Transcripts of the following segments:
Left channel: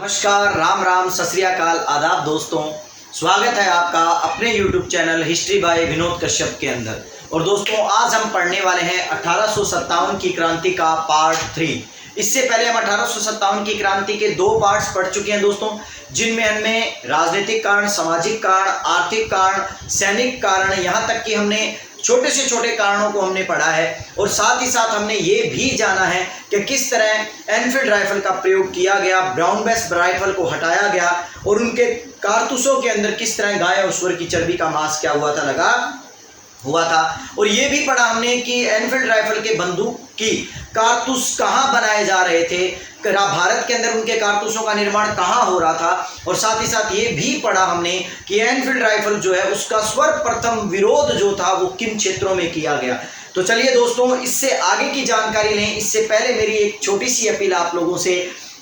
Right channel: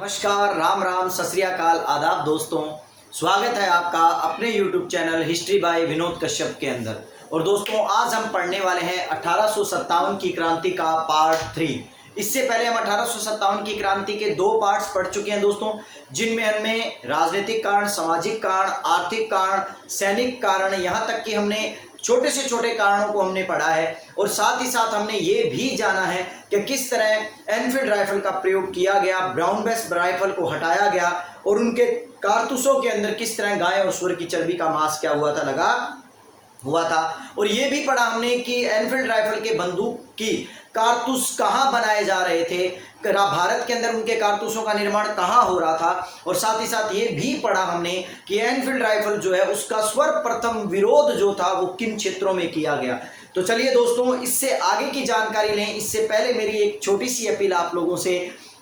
नमस्कार, राम राम, सत श्री अकाल, आदाब दोस्तों। स्वागत है आपका अपने YouTube channel history by Vinod Kashyap के अंदर। और दोस्तों आज हम पढ़ने वाले हैं 1857 की क्रांति का पार्ट 3। इससे पहले हम 1857 की क्रांति के 2 पार्ट्स पढ़ चुके हैं दोस्तों, जिनमें हमने राजनीतिक कारण, सामाजिक कारण, आर्थिक कारण, सैनिक कारण, यहाँ तक कि हमने छोटे से छोटे कारणों को हमने पढ़ा है। और साथ ही साथ हमने ये भी जाना है कि किस तरह एनफील्ड राइफल का प्रयोग किया गया, ब्राउन बेस राइफल को हटाया गया और उनके कारतूसों के अंदर किस तरह गाय और सूअर की चर्बी का मांस क्या हुआ था, लगा हुआ था। और ये भी पढ़ा हमने कि एनफील्ड राइफल के बंदूक की कारतूस कहाँ बनाए जा रहे थे, भारत के अंदर उनके कारतूसों का निर्माण कहाँ हो रहा था। और साथ ही साथ ये भी पढ़ा हमने कि एनफील्ड राइफल जो है उसका सर्वप्रथम विरोध जो था वो किन क्षेत्रों में किया गया। तो चलिए दोस्तों, इससे आगे की जानकारी लें। इससे पहले मेरी एक छोटी सी अपील आप लोगों से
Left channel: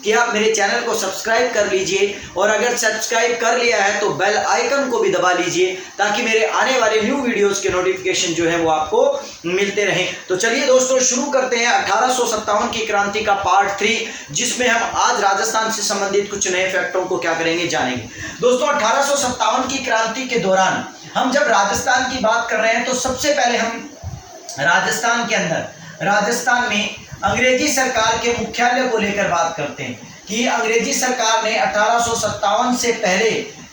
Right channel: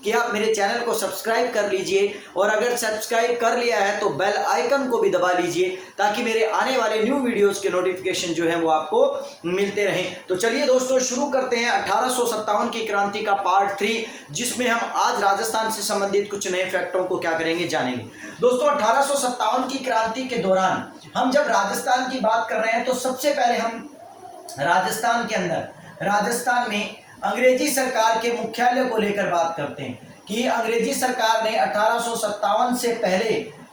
कि आप मेरे चैनल को सब्सक्राइब कर लीजिए, और अगर सब्सक्राइब कर लिया है तो बेल आइकन को भी दबा लीजिए, ताकि मेरे आने वाले न्यू वीडियोस के नोटिफिकेशन जो है वो आपको मिलते रहें। तो चलिए दोस्तों, शुरू करते हैं 1857 की क्रांति का पार्ट 3, जिसमें हम आज राजस्थान से संबंधित कुछ नए फैक्टों को क्या करेंगे, जानेंगे। दोस्तों 1857 की क्रांति के दौरान हम जब राजस्थान की बात कर रहे हैं तो सबसे पहले हम राजस्थान के अंदर, राजस्थान में अंग्रेजी सरकार के मुख्यालय को लेकर बात करते हैं कि अंग्रेजी सरकार ने 1857 से पहले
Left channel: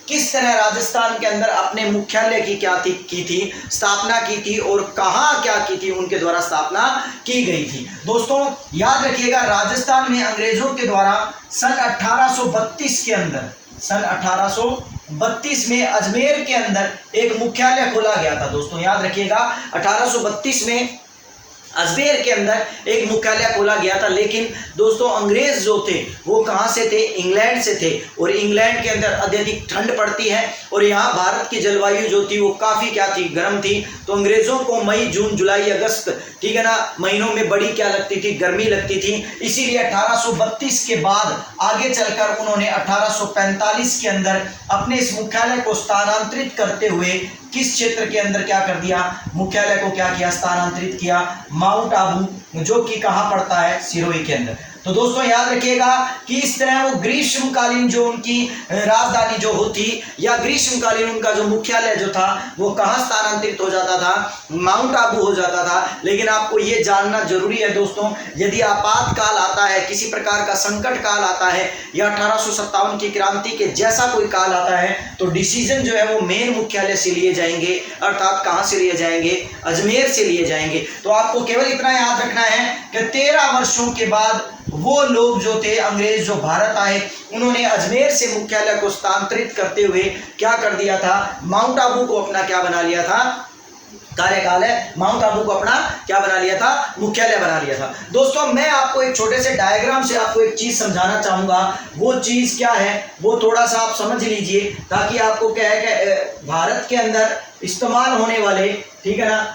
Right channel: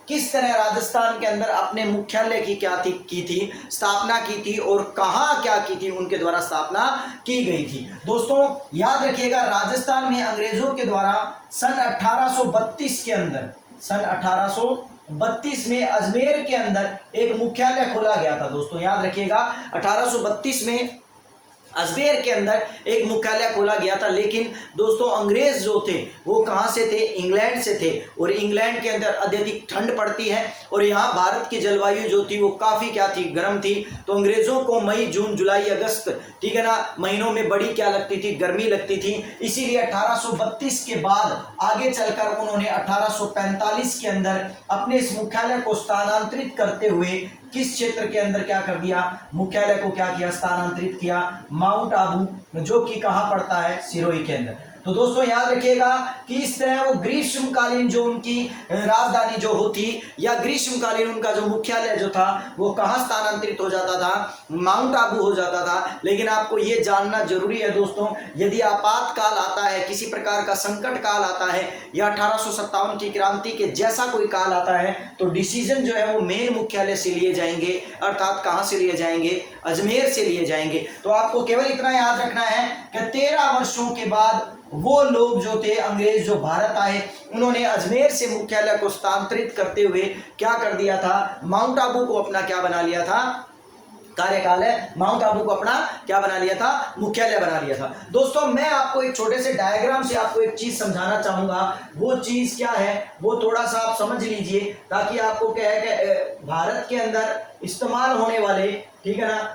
किस तरह राजस्थान के अंदर अपने मुख्यालय की स्थापना की थी और कहाँ क्या की थी, उनके द्वारा स्थापना की गई थी। दोस्तों याद रखिएगा, राजस्थान में अंग्रेजों के द्वारा सन 1832 के अंदर, सन 1832 में अजमेर के अंदर एक मुख्यालय खोला गया था। दोस्तों याद रखिएगा, 1832 में अजमेर के अंदर एक मुख्यालय खोला गया था। लेकिन दोस्तों अंग्रेज जो थे वो कहाँ से थे, इंग्लैंड से थे। और इंग्लैंड के अंदर अत्यधिक ठंड पड़ती है और यहाँ भारत की जलवायु जो थी वो काफ़ी क्या थी, गर्म थी। तो अंग्रेज़ों को मई, जून, जुलाई, अगस्त, ठीक है ना, महीनों में बड़ी क्या लगती थी, गर्मी लगती थी। इसीलिए 1832 के बाद आगे चलकर उन्होंने 1845 के अंदर अपने इस मुख्यालय को स्थानांतरित करते हुए किस क्षेत्र के अंदर क्या कर दिया, मुख्यालय को क्या किया, स्थानांतरित किया, माउंट आबू, जो कि कहाँ पड़ता है, सिरोही के अंदर। तो दोस्तों याद रखिएगा कि इस तरह वो ग्रीष्मकालीन जो उनकी राजधानी जो होती, या ग्रीष्मकालीन उनका जो मुख्यालय जो था वो कहाँ स्थानांतरित हो जाता था, माउंट आबू हो जाता था। लेकिन आपको ये जानना जरूरी है दोस्तों, यदि आपातकाल आता है, किसी प्रकार का संकट काल आता है, या 1857 की क्रांति के जैसा कोई काल आता है, तो डिसीजन जो है वो मेन मुख्यालय से लिए जाएंगे, अर्थात कहाँ से लिए जाएंगे, अजमेर से लिए जाएंगे। तो आपको केवल इतना याद रखना है कि 13 वर्षों के बाद वो लोग जो थे, अंग्रेज जो भारत आए, उन्होंने अजमेर से मुख्यालय को स्थानांतरित करते हुए क्या कर दिया था, माउंट आबू को अपना क्या बना लिया था, कार्यकाल है, माउंट आबू को अपना क्या बना लिया था, मुख्यालय बना लिया था। दोस्तों मैं आपको एक छोटे से डायग्राम से आपको एक चीज समझाना चाहूंगा। वो चीज क्या है वो थोड़ा सा आप समझ लीजिए, ताकि आपको क्या है कि भारत के अंदर इस्तेमाल होने वाले, ठीक है ना,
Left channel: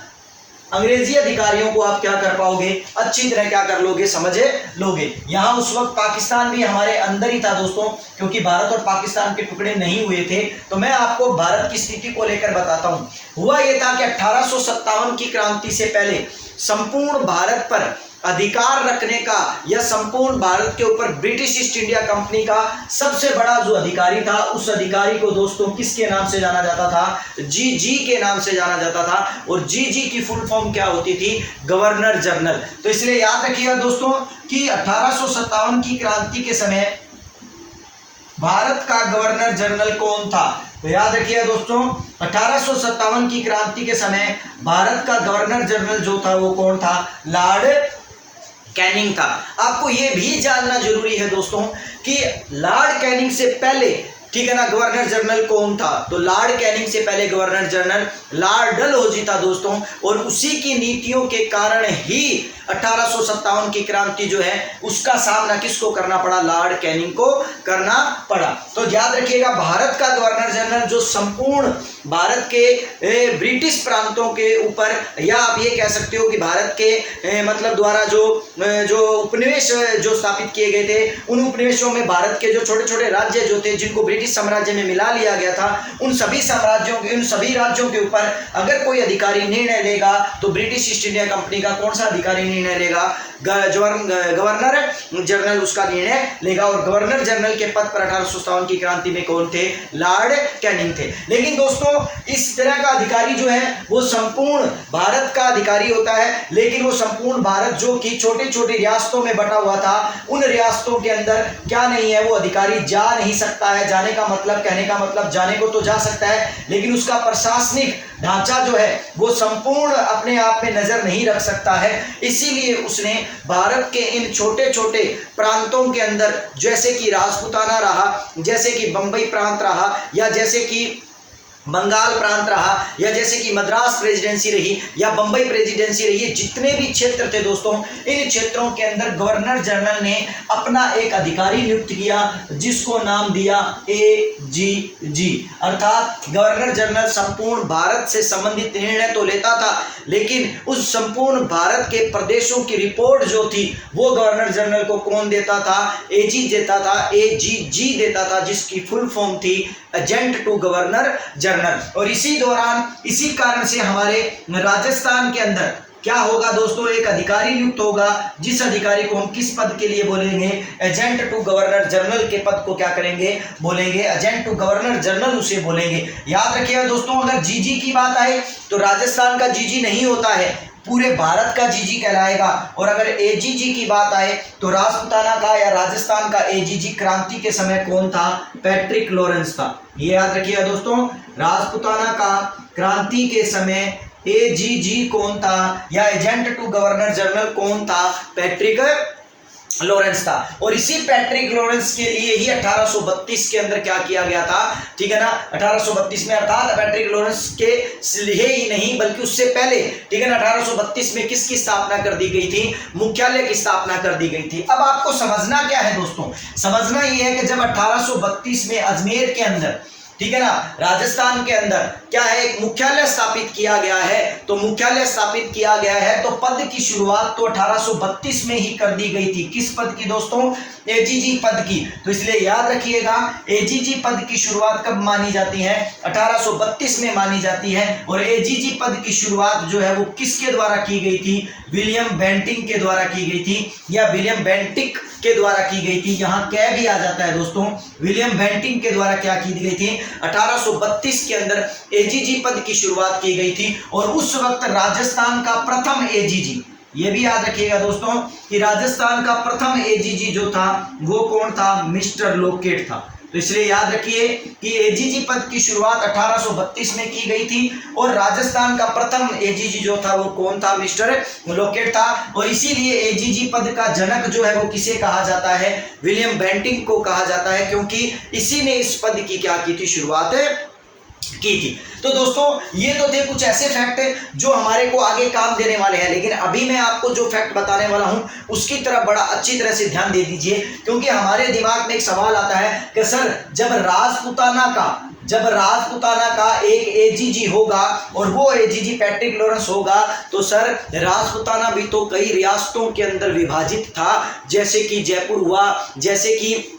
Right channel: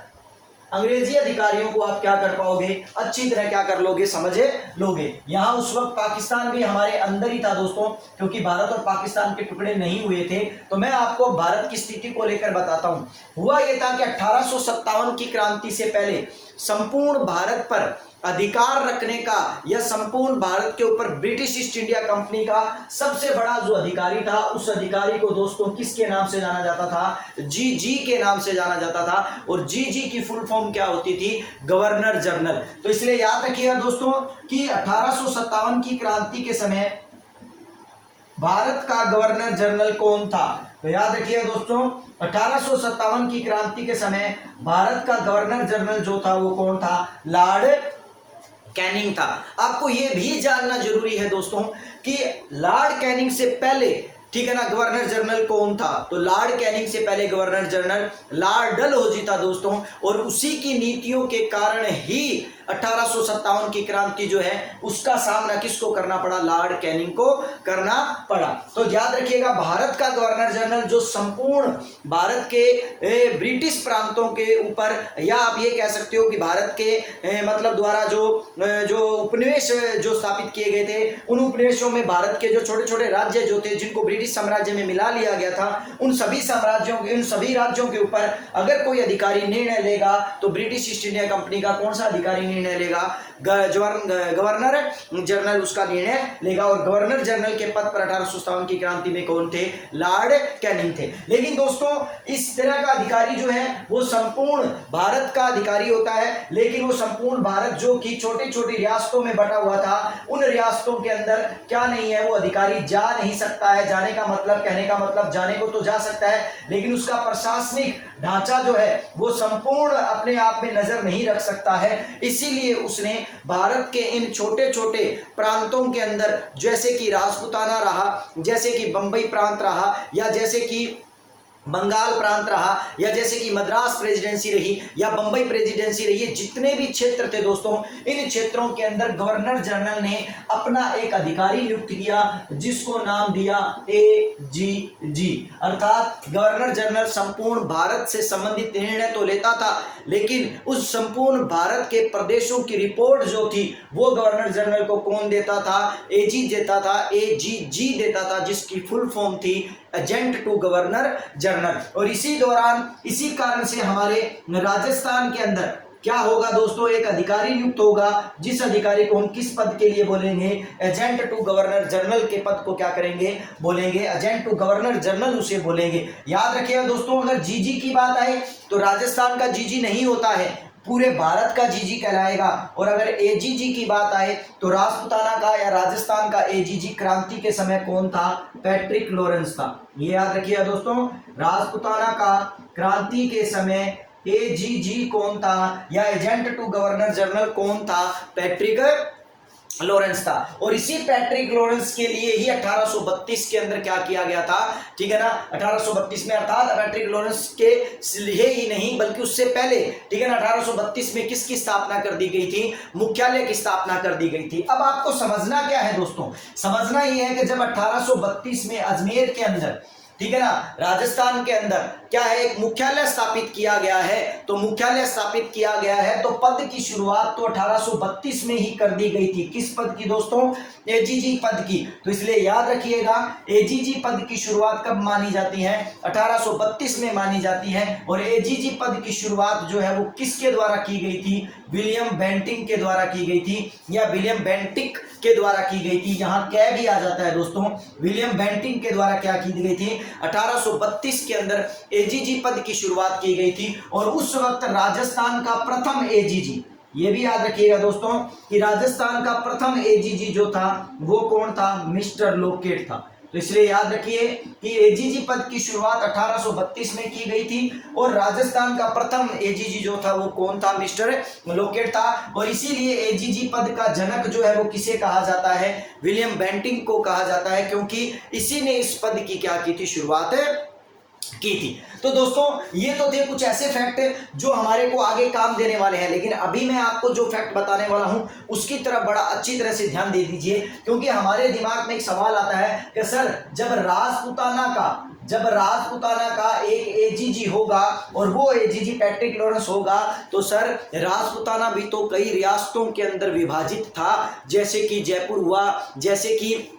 अंग्रेजी अधिकारियों को आप क्या कर पाओगे, अच्छी तरह क्या कर लोगे, समझ लोगे। यहाँ उस वक्त पाकिस्तान भी हमारे अंदर ही था दोस्तों, क्योंकि भारत और पाकिस्तान के टुकड़े नहीं हुए थे। तो मैं आपको भारत की स्थिति को लेकर बताता हूँ। हुआ ये था कि 1857 की क्रांति से पहले संपूर्ण भारत पर अधिकार रखने का, या संपूर्ण भारत के ऊपर ब्रिटिश ईस्ट इंडिया कंपनी का सबसे बड़ा जो अधिकारी था, उस अधिकारी को दोस्तों किसके नाम से जाना जाता था, जीजी के नाम से जाना जाता था। और जीजी की फुल फॉर्म क्या होती थी, गवर्नर जनरल। तो इसलिए याद रखिएगा दोस्तों कि 1857 की क्रांति के समय भारत का गवर्नर जनरल कौन था। तो याद रखिएगा दोस्तों, 1857 की क्रांति के समय भारत का गवर्नर जनरल जो था वो कौन था, लॉर्ड कैनिंग था। आपको यह भी जानना जरूरी है दोस्तों कि लॉर्ड कैनिंग से पहले, ठीक है ना, गवर्नर जनरल कौन था। तो लॉर्ड कैनिंग से पहले गवर्नर जनरल लॉर्ड डलहौजी था दोस्तों। और उसी की नीतियों के कारण ही 1857 की क्रांति जो है उसका सामना किसको करना पड़ा, लॉर्ड कैनिंग को करना पड़ा। तो याद रखिएगा, भारत का गवर्नर जनरल जो संपूर्ण भारत के ब्रिटिश प्रांतों के ऊपर, या आप ये कह सकते हो कि भारत के मतलब द्वारा जो उपनिवेश जो स्थापित किए गए थे, उन उपनिवेशों में भारत के जो छोटे छोटे राज्य जो थे, जिनको ब्रिटिश साम्राज्य में मिला लिया गया था, उन सभी राज्यों के ऊपर अगर कोई अधिकारी निर्णय लेगा तो ब्रिटिश ईस्ट इंडिया कंपनी का कौन सा अधिकारी निर्णय लेगा, गवर्नर जनरल उसका निर्णय लेगा। और गवर्नर जनरल के पद पर 1857 की क्रांति में कौन थे? लॉर्ड कैनिंग थे। लेकिन दोस्तों इस तरह का अधिकारी जो है वो संपूर्ण भारत का अधिकारी होता है, लेकिन वो संपूर्ण भारत जो कि छोटे छोटे रियासतों में बटा हुआ था, उन रियासतों के अंदर क्या नहीं है, वो अधिकारी जा नहीं सकता है। जाने का मतलब, कहने का मतलब जाने को तो जा सकता है, लेकिन उसका प्रशासनिक ढांचा जो है वो संपूर्ण अपने आप में नजर नहीं रख सकता है। इसीलिए उसने भारत के इन छोटे छोटे प्रांतों के अंदर, जैसे कि राजपूताना रहा, जैसे कि बंबई प्रांत रहा, या जैसे कि बंगाल प्रांत रहा, या जैसे कि मद्रास प्रेसिडेंसी रही, या बंबई प्रेसिडेंसी रही, जितने भी क्षेत्र थे दोस्तों, इन क्षेत्रों के अंदर गवर्नर जनरल ने अपना एक अधिकारी नियुक्त किया जिसको नाम दिया AGG। अर्थात गवर्नर जनरल संपूर्ण भारत से संबंधित निर्णय तो लेता था, लेकिन उस संपूर्ण भारत के प्रदेशों की रिपोर्ट जो थी वो गवर्नर जनरल को कौन देता था? AG देता था, AGG देता था, जिसकी फुल फॉर्म थी एजेंट टू गवर्नर जनरल। और इसी दौरान, इसी कारण से हमारे राजस्थान के अंदर क्या होगा दोस्तों? एक अधिकारी नियुक्त होगा, जिस अधिकारी को हम किस पद के लिए बोलेंगे? एजेंट टू गवर्नर जनरल के पद को क्या करेंगे? बोलेंगे एजेंट टू गवर्नर जनरल उसे बोलेंगे। याद रखिएगा दोस्तों, अगर जीजी की बात आए तो राजस्थान का जीजी नहीं होता है, पूरे भारत का जीजी कहलाएगा। और अगर AGG की बात आए तो राजपूताना का या राजस्थान का AGG क्रांति के समय कौन था? पैट्रिक लॉरेंस था। ये याद रखिएगा दोस्तों, राजपूताना का क्रांति के समय AGG कौन था, या एजेंट टू गवर्नर जनरल कौन था? पैट्रिक लॉरेंस था। और इसी पैट्रिक लॉरेंस के लिए ही 1832 के अंदर क्या किया गया था? ठीक है ना, 1832 में, अर्थात पैट्रिक लॉरेंस के लिए ही नहीं बल्कि उससे पहले, ठीक है ना, 1832 में किसकी स्थापना कर दी गई थी? मुख्यालय की स्थापना कर दी गई थी। अब आपको समझना क्या है दोस्तों? समझना यह है कि जब 1832 में अजमेर के अंदर, ठीक है ना, राजस्थान के अंदर क्या है, एक मुख्यालय स्थापित किया गया है, तो मुख्यालय स्थापित किया गया है तो पद की शुरुआत तो 1832 में ही कर दी गई थी। किस पद की दोस्तों? AGG पद की। तो इसलिए याद रखिएगा, AGG पद की शुरुआत कब मानी जाती है? 1832 में मानी जाती है। और AGG पद की शुरुआत जो है वो किसके द्वारा की गई थी? विलियम बेंटिंक के द्वारा की गई थी, या विलियम बेंटिक के द्वारा की गई थी। यहाँ क्या भी आ जाता है दोस्तों, विलियम बेंटिंक के द्वारा क्या की गई थी? 1832 के अंदर AGG पद की शुरुआत की गई थी। और उस वक्त राजस्थान का प्रथम AGG, ये भी याद रखिएगा दोस्तों कि राजस्थान का प्रथम AGG जो था वो कौन था? मिस्टर लोकेट था। तो इसलिए याद रखिए कि AGG पद की शुरुआत 1832 में की गई थी, और राजस्थान का प्रथम AGG जो था वो कौन था? मिस्टर लोकेट था। और इसीलिए AGG पद का जनक जो है वो किसे कहा जाता है? विलियम बेंटिंक को कहा जाता है, क्योंकि इसी ने इस पद की क्या की थी? शुरुआत की थी। तो दोस्तों ये तो थे कुछ ऐसे फैक्ट जो हमारे को आगे काम देने वाले हैं, लेकिन अभी मैं आपको जो फैक्ट बताने वाला हूं उसकी तरफ बड़ा अच्छी तरह से ध्यान दे दीजिए, क्योंकि हमारे दिमाग में एक सवाल आता है कि सर जब राजपूताना का एक AGG होगा और वो AGG पैट्रिक लॉरेंस होगा, तो सर राजपूताना भी तो कई रियासतों के अंदर विभाजित था, जैसे कि जयपुर हुआ, जैसे कि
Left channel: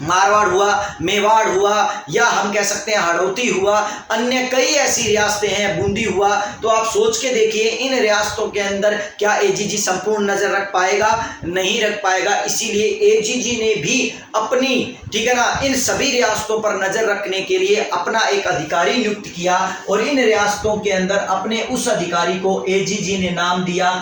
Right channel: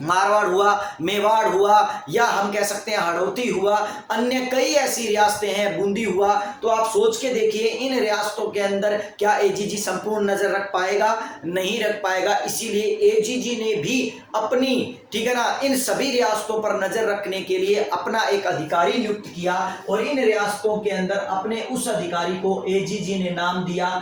मारवाड़ हुआ, मेवाड़ हुआ, या हम कह सकते हैं हाड़ौती हुआ, अन्य कई ऐसी रियासतें हैं, बूंदी हुआ। तो आप सोच के देखिए इन रियासतों के अंदर क्या AGG संपूर्ण नजर रख पाएगा? नहीं रख पाएगा। इसीलिए AGG ने भी अपनी, ठीक है ना, इन सभी रियासतों पर नजर रखने के लिए अपना एक अधिकारी नियुक्त किया, और इन रियासतों के अंदर अपने उस अधिकारी को AGG ने नाम दिया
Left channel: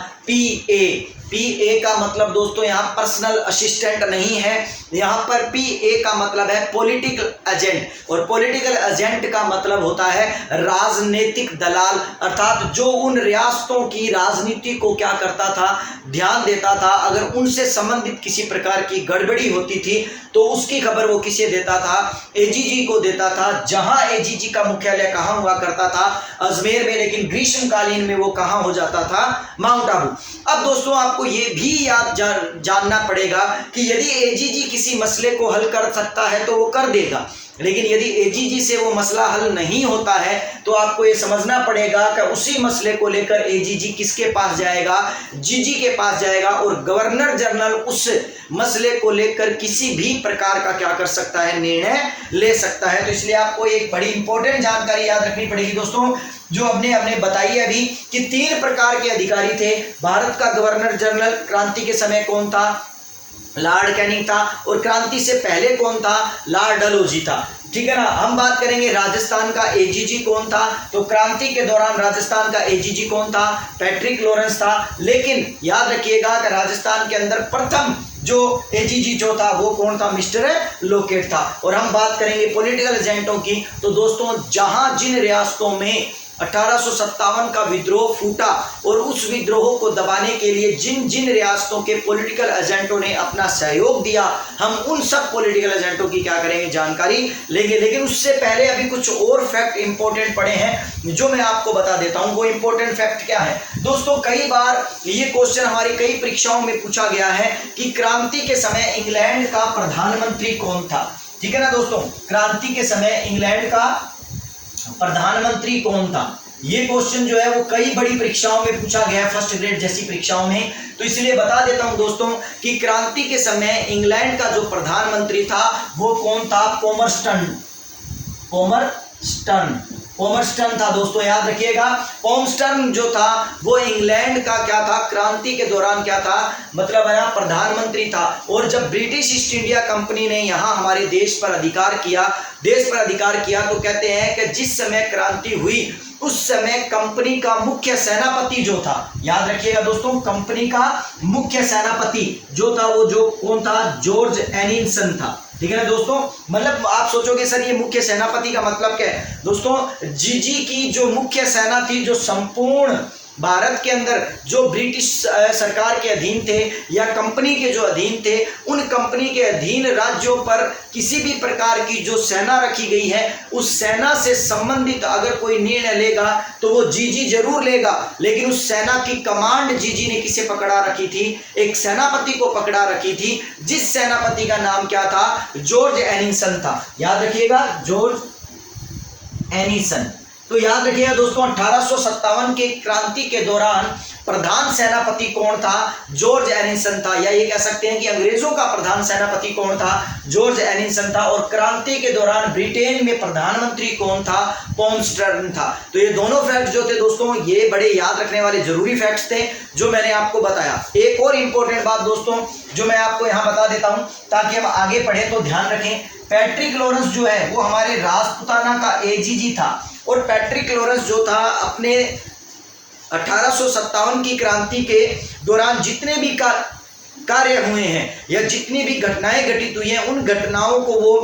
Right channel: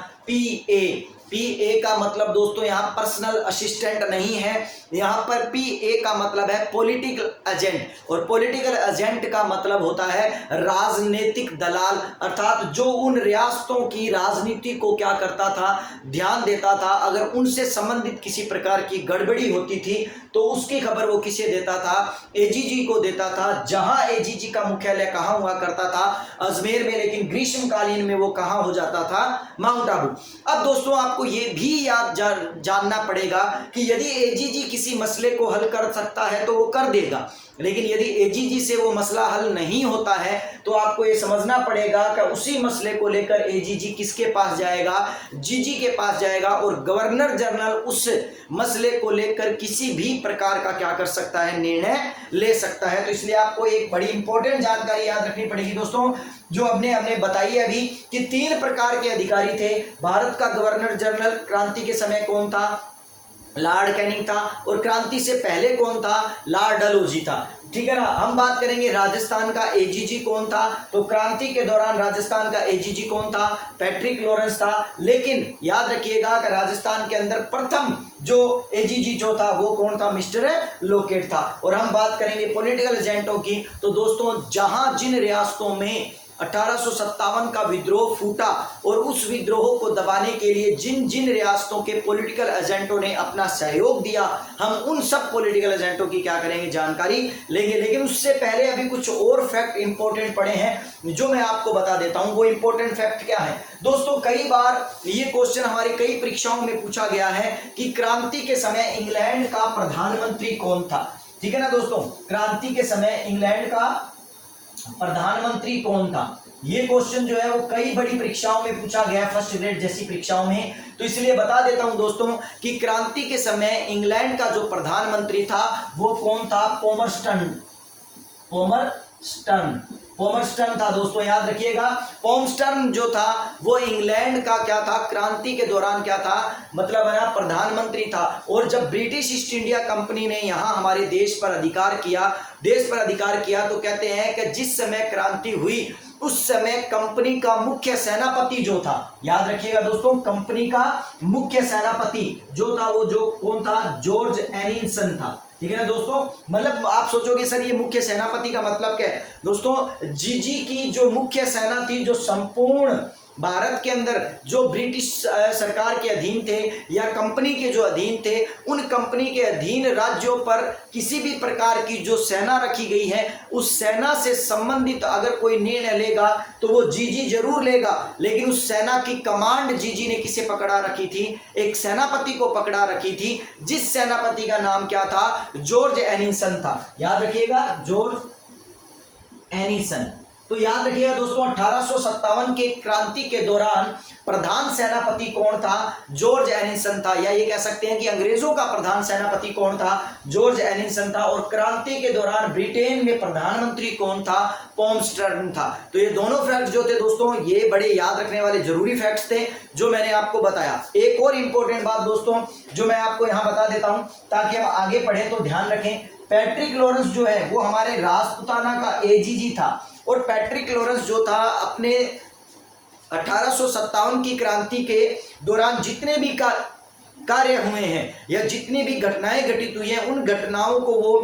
PA का मतलब दोस्तों यहाँ पर्सनल असिस्टेंट नहीं है, यहाँ पर PA का मतलब है पॉलिटिकल एजेंट, और पॉलिटिकल एजेंट का मतलब होता है राजनीतिक दलाल, अर्थात जो उन रियासतों की राजनीति को क्या करता था? ध्यान देता था। अगर उनसे संबंधित किसी प्रकार की गड़बड़ी होती थी तो उसकी खबर वो किसे देता था? AGG को देता था। जहां AGG का मुख्यालय कहाँ हुआ करता था? अजमेर में, लेकिन ग्रीष्मकालीन में वो कहाँ हो जाता था? माउंट आबू। अब दोस्तों आपको ये भी याद जानना पड़ेगा कि यदि AGG किसी किसी मसले को हल कर सकता है तो वो कर देगा, लेकिन यदि एजीजी से वो मसला हल नहीं होता है तो आपको ये समझना पड़ेगा कि उसी मसले को लेकर एजीजी किसके पास जाएगा, जीजी के पास जाएगा, और गवर्नर जनरल उस मसले को लेकर किसी भी प्रकार का क्या कर सकता है, निर्णय ले सकता है। तो इसलिए आपको एक बड़ी इंपॉर्टेंट जानकारी याद रखनी पड़ेगी दोस्तों, जो हमने बताई अभी कि 3 प्रकार के अधिकारी थे। भारत का गवर्नर जनरल क्रांति के समय कौन था, लॉर्ड कैनिंग था, और क्रांति से पहले कौन था, लॉर्ड डलहौजी था। ठीक है ना। हम बात करेंगे राजस्थान का एजीजी कौन था, तो क्रांति के दौरान राजस्थान का एजीजी कौन था, पैट्रिक लॉरेंस था। लेकिन याद रखिएगा कि राजस्थान के अंदर प्रथम जो एजीजी जो था वो कौन था, मिस्टर लोकेट था। और हम बात करेंगे पॉलिटिकल एजेंटों की, तो दोस्तों जहां जिन रियासतों में 1857 का विद्रोह फूटा और उस विद्रोह को दबाने के लिए जिन जिन रियासतों के पॉलिटिकल एजेंटों ने अपना सहयोग दिया, हम उन सब पॉलिटिकल एजेंटों की क्या करेंगे, जानकारी लेंगे। लेकिन उससे पहले अभी कुछ और फैक्ट इंपॉर्टेंट पड़े हैं जो मैं आपको बता देता हूं। वो इंपॉर्टेंट फैक्ट क्या है दोस्तों, कई बार ये क्वेश्चन हमारी कई परीक्षाओं में पूछा गया है कि क्रांति के समय इंग्लैंड का प्रधानमंत्री कौन था। ठीक है ना दोस्तों, क्रांति के समय इंग्लैंड का प्रधानमंत्री कौन था, ये क्वेश्चन जो है वो कई बड़ी परीक्षाओं में पूछा गया है, फर्स्ट ग्रेड जैसी परीक्षाओं में। तो इसलिए बता देता हूं दोस्तों कि क्रांति के समय इंग्लैंड का जो प्रधानमंत्री था वो कौन था, पॉमर्स्टन था दोस्तों, याद रखिएगा। पॉमर्स्टन जो था वो इंग्लैंड का क्या था, क्रांति के दौरान क्या था, मतलब है प्रधानमंत्री था। और जब ब्रिटिश ईस्ट इंडिया कंपनी ने यहाँ हमारे देश पर अधिकार किया तो कहते हैं कि जिस समय क्रांति हुई उस समय कंपनी का मुख्य सेनापति जो था, याद रखिएगा दोस्तों, कंपनी का मुख्य सेनापति जो था वो जो कौन था, जॉर्ज एनिसन था। ठीक है ना दोस्तों, मतलब आप सोचोगे सर ये मुख्य सेनापति का मतलब क्या है दोस्तों, जीजी की जो मुख्य सेना थी, जो संपूर्ण भारत के अंदर जो ब्रिटिश सरकार के अधीन थे या कंपनी के जो अधीन थे, उन कंपनी के अधीन राज्यों पर किसी भी प्रकार की जो सेना रखी गई है, उस सेना से संबंधित अगर कोई निर्णय लेगा तो वो जीजी जरूर लेगा। लेकिन उस सेना की कमांड जीजी ने किसे पकड़ा रखी थी, एक सेनापति को पकड़ा रखी थी, जिस सेनापति का नाम क्या था, जॉर्ज एनिसन था। याद रखिएगा, जॉर्ज एनिसन। तो याद रखिएगा दोस्तों, 1857 के क्रांति के दौरान प्रधान सेनापति कौन था, जॉर्ज एनिसन था, या ये कह सकते हैं कि अंग्रेजों का प्रधान सेनापति कौन था, जॉर्ज एनिसन था। और क्रांति के दौरान ब्रिटेन में प्रधानमंत्री कौन था, पॉमर्स्टन था। तो ये दोनों फैक्ट जो थे दोस्तों, ये बड़े याद रखने वाले जरूरी फैक्ट्स थे जो मैंने आपको बताया। एक और इंपॉर्टेंट बात दोस्तों जो मैं आपको यहाँ बता देता हूँ ताकि हम आगे पढ़े तो ध्यान रखें, पैट्रिक लॉरेंस जो है वो हमारे राजपुताना का एजीजी था। और पैट्रिक लॉरेंस जो था अपने 1857 की क्रांति के दौरान जितने भी कार्य हुए हैं या जितनी भी घटनाएं घटित हुई हैं, उन घटनाओं को वो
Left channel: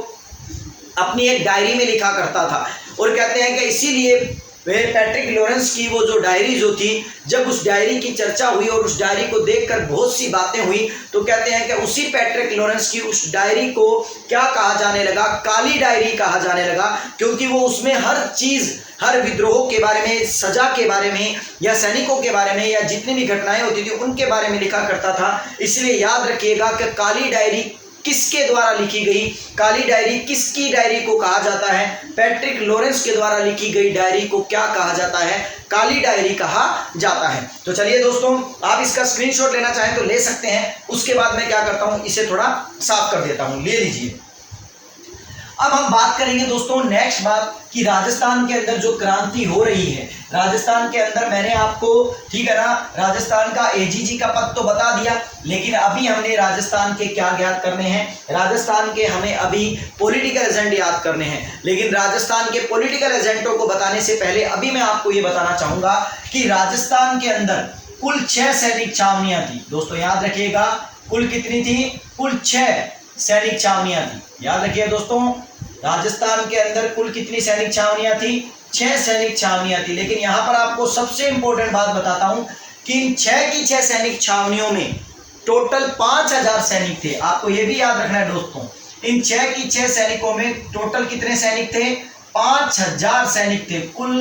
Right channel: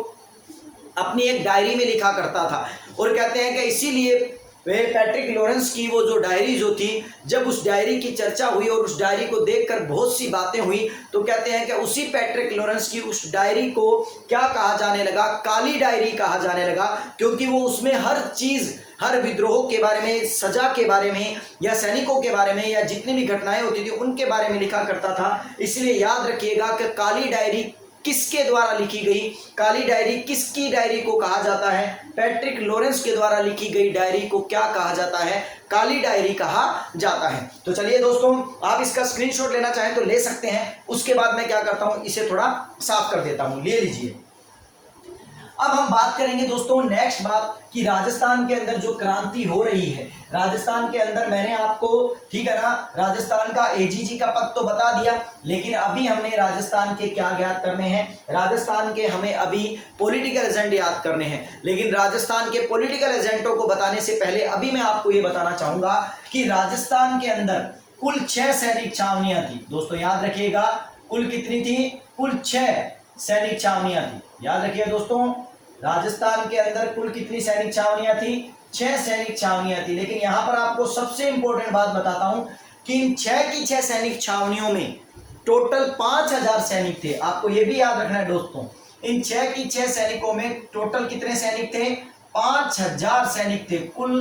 अपनी एक डायरी में लिखा करता था। और कहते हैं कि इसीलिए पैट्रिक लॉरेंस की वो जो डायरी जो थी, जब उस डायरी की चर्चा हुई और उस डायरी को देखकर बहुत सी बातें हुई, तो कहते हैं कि उसी पैट्रिक लॉरेंस की उस डायरी को क्या कहा जाने लगा, काली डायरी कहा जाने लगा, क्योंकि वो उसमें हर चीज, हर विद्रोह के बारे में, सजा के बारे में या सैनिकों के बारे में या जितनी भी घटनाएं होती थी उनके बारे में लिखा करता था। इसलिए याद रखिएगा कि काली डायरी किसके द्वारा लिखी गई, काली डायरी किसकी डायरी को कहा जाता है, पैट्रिक लॉरेंस के द्वारा लिखी गई डायरी को क्या कहा जाता है, काली डायरी कहा जाता है। तो चलिए दोस्तों, आप इसका स्क्रीनशॉट लेना चाहें तो ले सकते हैं। उसके बाद मैं क्या करता हूं, इसे थोड़ा साफ कर देता हूं, ले लीजिए। अब हम बात करेंगे दोस्तों नेक्स्ट बात कि राजस्थान के अंदर जो क्रांति हो रही है, राजस्थान के अंदर मैंने आपको, ठीक है ना, राजस्थान का एजीजी का पद तो बता दिया, लेकिन अभी हमने राजस्थान के क्या याद करने हैं, राजस्थान के हमें अभी पॉलिटिकल एजेंट याद करने हैं। लेकिन राजस्थान के पॉलिटिकल एजेंटों को बताने से पहले अभी मैं आपको ये बताना चाहूंगा कि राजस्थान के अंदर कुल 6 सैनिक छावनियां थी। दोस्तों याद रखिएगा, कुल कितनी थी, कुल 6 सैनिक छावनियां थी। याद रखिए दोस्तों, राजस्थान के अंदर कुल कितनी सैनिक छावनियां थी, 6 सैनिक छावनियां थी। लेकिन यहां पर आपको सबसे इंपॉर्टेंट बात बताता हूं कि इन 6 की 6 सैनिक छावनियों में टोटल 5000 सैनिक थे। आपको यह भी याद रखना है दोस्तों, इन 6 की 6 सैनिकों में टोटल कितने सैनिक थे, 5000 सैनिक थे। कुल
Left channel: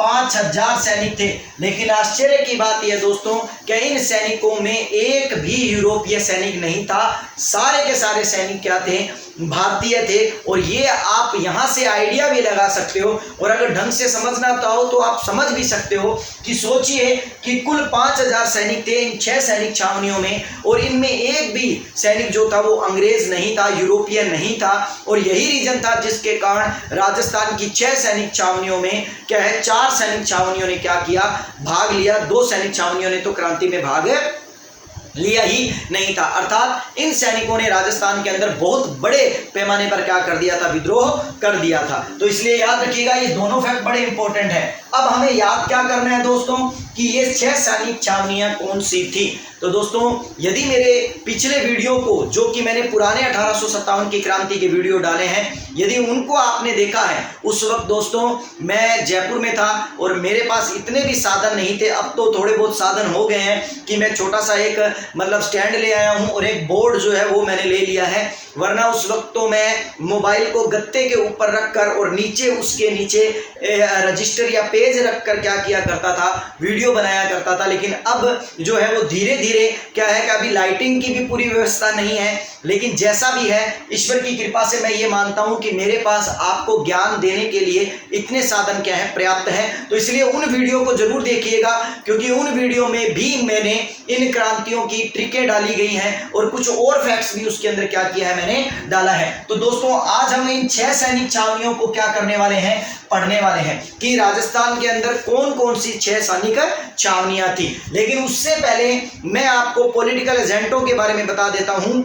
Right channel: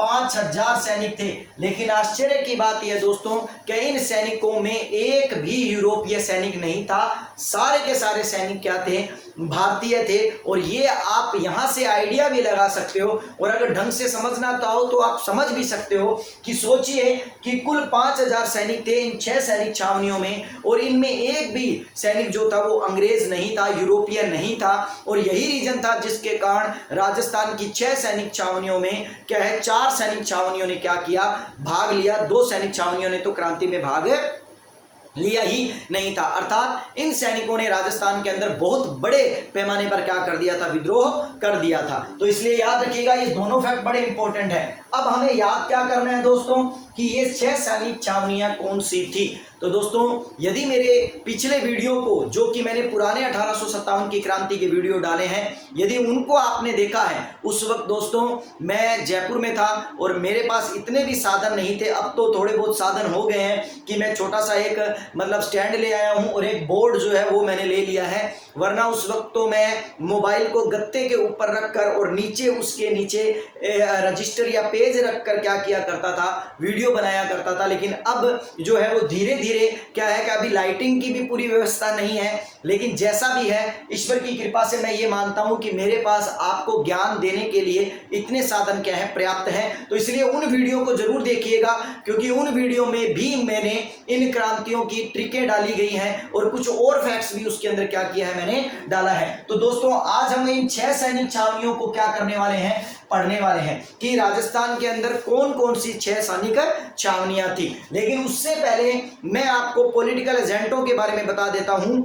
5000 सैनिक थे। लेकिन आश्चर्य की बात यह दोस्तों कि इन सैनिकों में एक भी यूरोपीय सैनिक नहीं था, सारे के सारे सैनिक क्या थे, भारतीय थे। और ये आप यहाँ से आइडिया भी लगा सकते हो, और अगर ढंग से समझना चाहो तो आप समझ भी सकते हो कि सोचिए कि कुल 5000 सैनिक थे इन 6 सैनिक छावनियों में, और इनमें एक भी सैनिक जो था वो अंग्रेज नहीं था, यूरोपियन नहीं था। और यही रीजन था जिसके कारण राजस्थान की 6 सैनिक छावनियों में क्या है, 4 सैनिक छावनियों ने क्या किया, भाग लिया। 2 सैनिक छावनियों ने तो क्रांति में भाग लिया ही नहीं था। अर्थात इन सैनिकों ने राजस्थान के अंदर बहुत बड़े पैमाने पर क्या कर दिया था, विद्रोह कर दिया था। तो इसलिए याद रखिएगा ये दोनों फैक्ट बड़े इंपॉर्टेंट है। अब हमें याद क्या करना है दोस्तों कि ये 6 सैनिक छावनियां कौन सी थी। तो दोस्तों यदि मेरे पिछले वीडियो को, जो कि मैंने पुराने 1857 की क्रांति के वीडियो डाले हैं, यदि उनको आपने देखा है, उस वक्त दोस्तों मैं जयपुर में था और मेरे पास इतने भी साधन नहीं थे। अब तो थोड़े बहुत साधन हो गए हैं कि मैं छोटा सा एक मतलब स्टैंड ले आया हूं और एक बोर्ड जो है वो मैंने ले लिया है, वरना उस वक्त तो मैं मोबाइल को गत्ते के ऊपर रखकर और नीचे उसके नीचे रजिस्टर या पेज रखकर क्या किया करता था, वीडियो बनाया करता था। लेकिन अब जो है वो धीरे धीरे क्या है कि अभी लाइटिंग की भी पूरी व्यवस्था नहीं है, लेकिन जैसा भी है ईश्वर की कृपा से मैं ये मानता हूं कि मेरे पास आपको ज्ञान देने के लिए इतने साधन क्या है, पर्याप्त हैं। तो इसलिए उन वीडियो को जरूर देखिएगा, क्योंकि उन वीडियो में भी मैंने इन क्रांतियों की ट्रिकें डाली गई हैं और कुछ और फैक्ट्स भी उसके अंदर क्या किया है, मैंने डाला है। तो दोस्तों आज हम इन 6 सैनिक छावनियों को क्या करने वाले हैं, पढ़ने वाले हैं कि राजस्थान के अंदर कौन कौन सी 6 सैनिक छावनियां थी। लेकिन उससे पहले मैं आपको पॉलिटिकल एजेंटों के बारे में बता देता हूं,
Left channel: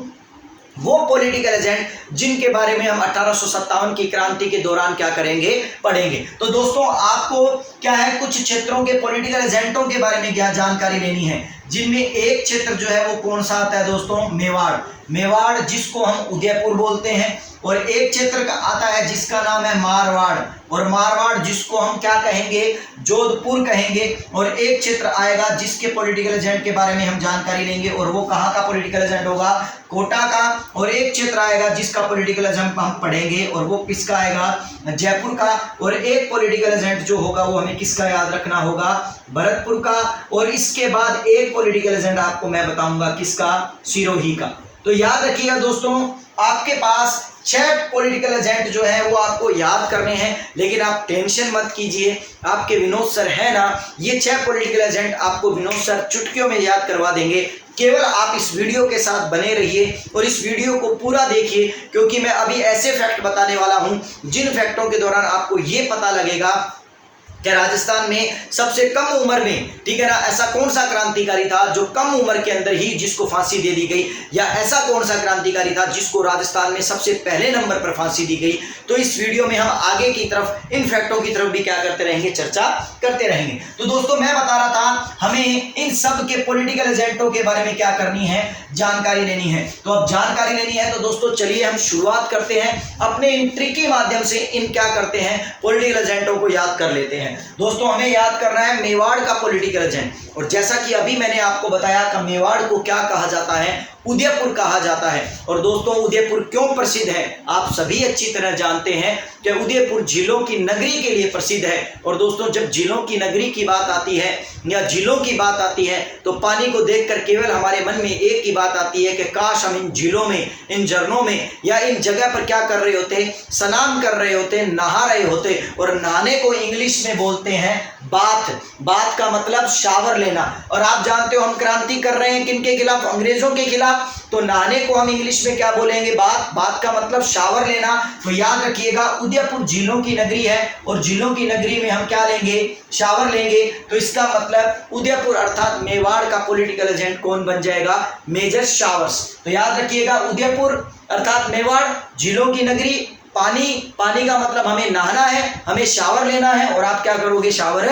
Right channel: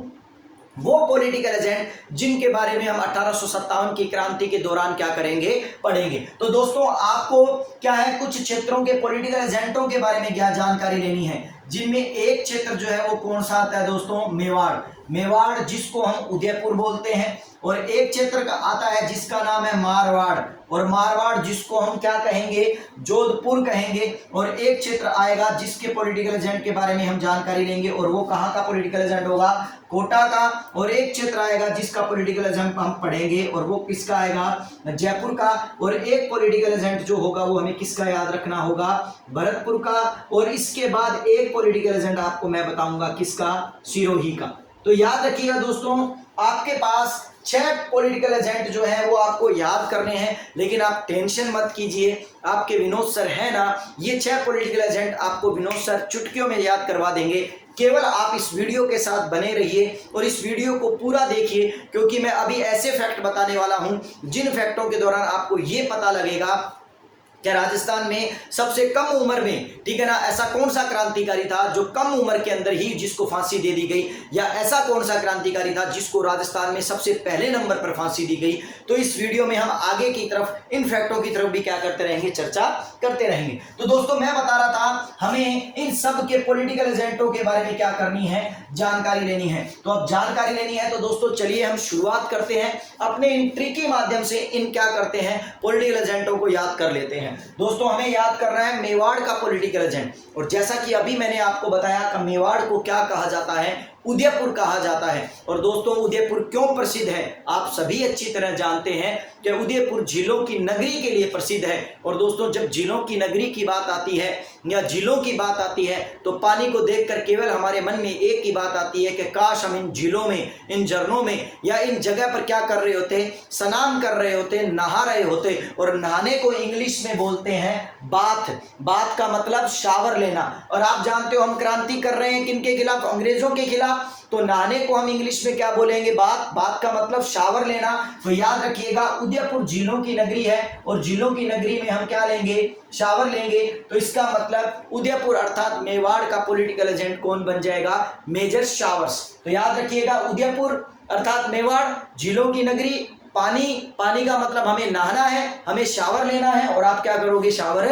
वो पॉलिटिकल एजेंट जिनके बारे में हम 1857 की क्रांति के दौरान क्या करेंगे, पढ़ेंगे। तो दोस्तों आपको क्या है, कुछ क्षेत्रों के पॉलिटिकल एजेंटों के बारे में क्या जानकारी लेनी है, जिनमें एक क्षेत्र जो है वो कौन सा आता है दोस्तों, मेवाड़। मेवाड़ जिसको हम उदयपुर बोलते हैं, और एक क्षेत्र का आता है जिसका नाम है मारवाड़, और मारवाड़ जिसको हम क्या कहेंगे, जोधपुर कहेंगे। और एक क्षेत्र आएगा जिसके पॉलिटिकल एजेंट के बारे में हम जानकारी लेंगे, और वो कहाँ का पॉलिटिकल एजेंट होगा, कोटा का। और एक क्षेत्र आएगा जिसका पॉलिटिकल एजेंट हम पढ़ेंगे, और वो किसका आएगा, जयपुर का। और एक पॉलिटिकल एजेंट जो होगा वो हमें किसका याद रखना होगा, भरतपुर का। और इसके बाद एक पॉलिटिकल एजेंट आपको मैं बताऊंगा किसका, सिरोही का। तो याद रखिएगा दोस्तों आपके पास 6 पॉलिटिकल एजेंट जो है वो आपको याद करने हैं। लेकिन आप टेंशन मत कीजिए, आपके विनोद सर है ना, ये 6 पॉलिटिकल एजेंट आपको विनोद सर चुटकियों में याद करवा देंगे। केवल आप इस वीडियो के साथ बने रहिए और इस वीडियो को पूरा देखिए, क्योंकि मैं अभी ऐसे फैक्ट बताने वाला हूं जिन फैक्टों के दौरान आपको ये पता लगेगा कि राजस्थान में सबसे कम उम्र में, ठीक है ना, ऐसा कौन सा क्रांतिकारी था जो कम उम्र के अंदर ही जिसको फांसी दे दी गई, या ऐसा कौन सा क्रांतिकारी था जिसको राजस्थान में सबसे पहले नंबर पर फांसी दी गई। तो इस वीडियो में हम आगे की तरफ इन फैक्टों की तरफ भी क्या करते रहेंगे, चर्चा करते रहेंगे। तो दोस्तों मैं बता रहा था हमें इन सब के पॉलिटिकल एजेंटों के बारे में क्या करनी है, जानकारी लेनी है। तो अब जानकारी लेनी है तो दोस्तों चलिए हम शुरुआत करते हैं, अपने इन ट्रिक के माध्यम से इन क्या करते हैं, पॉलिटिकल एजेंटों को याद कर लेते हैं। दोस्तों हमें याद करना है मेवाड़ का पॉलिटिकल एजेंट, और जैसा कि अभी मैंने आपको बताया कि मेवाड़ को क्या कहा जाता है, उदयपुर कहा जाता है। और दोस्तों उदयपुर क्यों प्रसिद्ध है, आप सभी अच्छी तरह जानते हैं कि उदयपुर झीलों की नगरी के लिए प्रसिद्ध है। और दोस्तों जब झीलों की नगरी की बात आती है या झीलों की बात आती है तो पानी को देखकर केवल हमारे मन में एक ही बात आती है कि काश हम इन झीलों में, इन झरनों में या इन जगह पर क्या कर रहे होते, स्नान कर रहे होते, नहा रहे होते। और नहाने को इंग्लिश में बोलते हैं बाथ। बाथ का मतलब शावर लेना। और आप जानते हो हम क्रांति कर रहे हैं किनके खिलाफ, अंग्रेजों के खिलाफ। तो नहाने को हम इंग्लिश में क्या बोलेंगे, बाथ। बाथ का मतलब शावर लेना। तो याद रखिएगा उदयपुर झीलों की नगरी है और झीलों की नगरी में हम क्या लेंगे, शावर लेंगे। तो इसका मतलब उदयपुर अर्थात मेवाड़ का पॉलिटिकल एजेंट कौन बन जाएगा, मेजर शावर्स। तो याद रखिएगा उदयपुर अर्थात मेवाड़, झीलों की नगरी, पानी। पानी का मतलब हमें नहाना है, हमें शावर लेना है, और आप क्या करोगे, शावर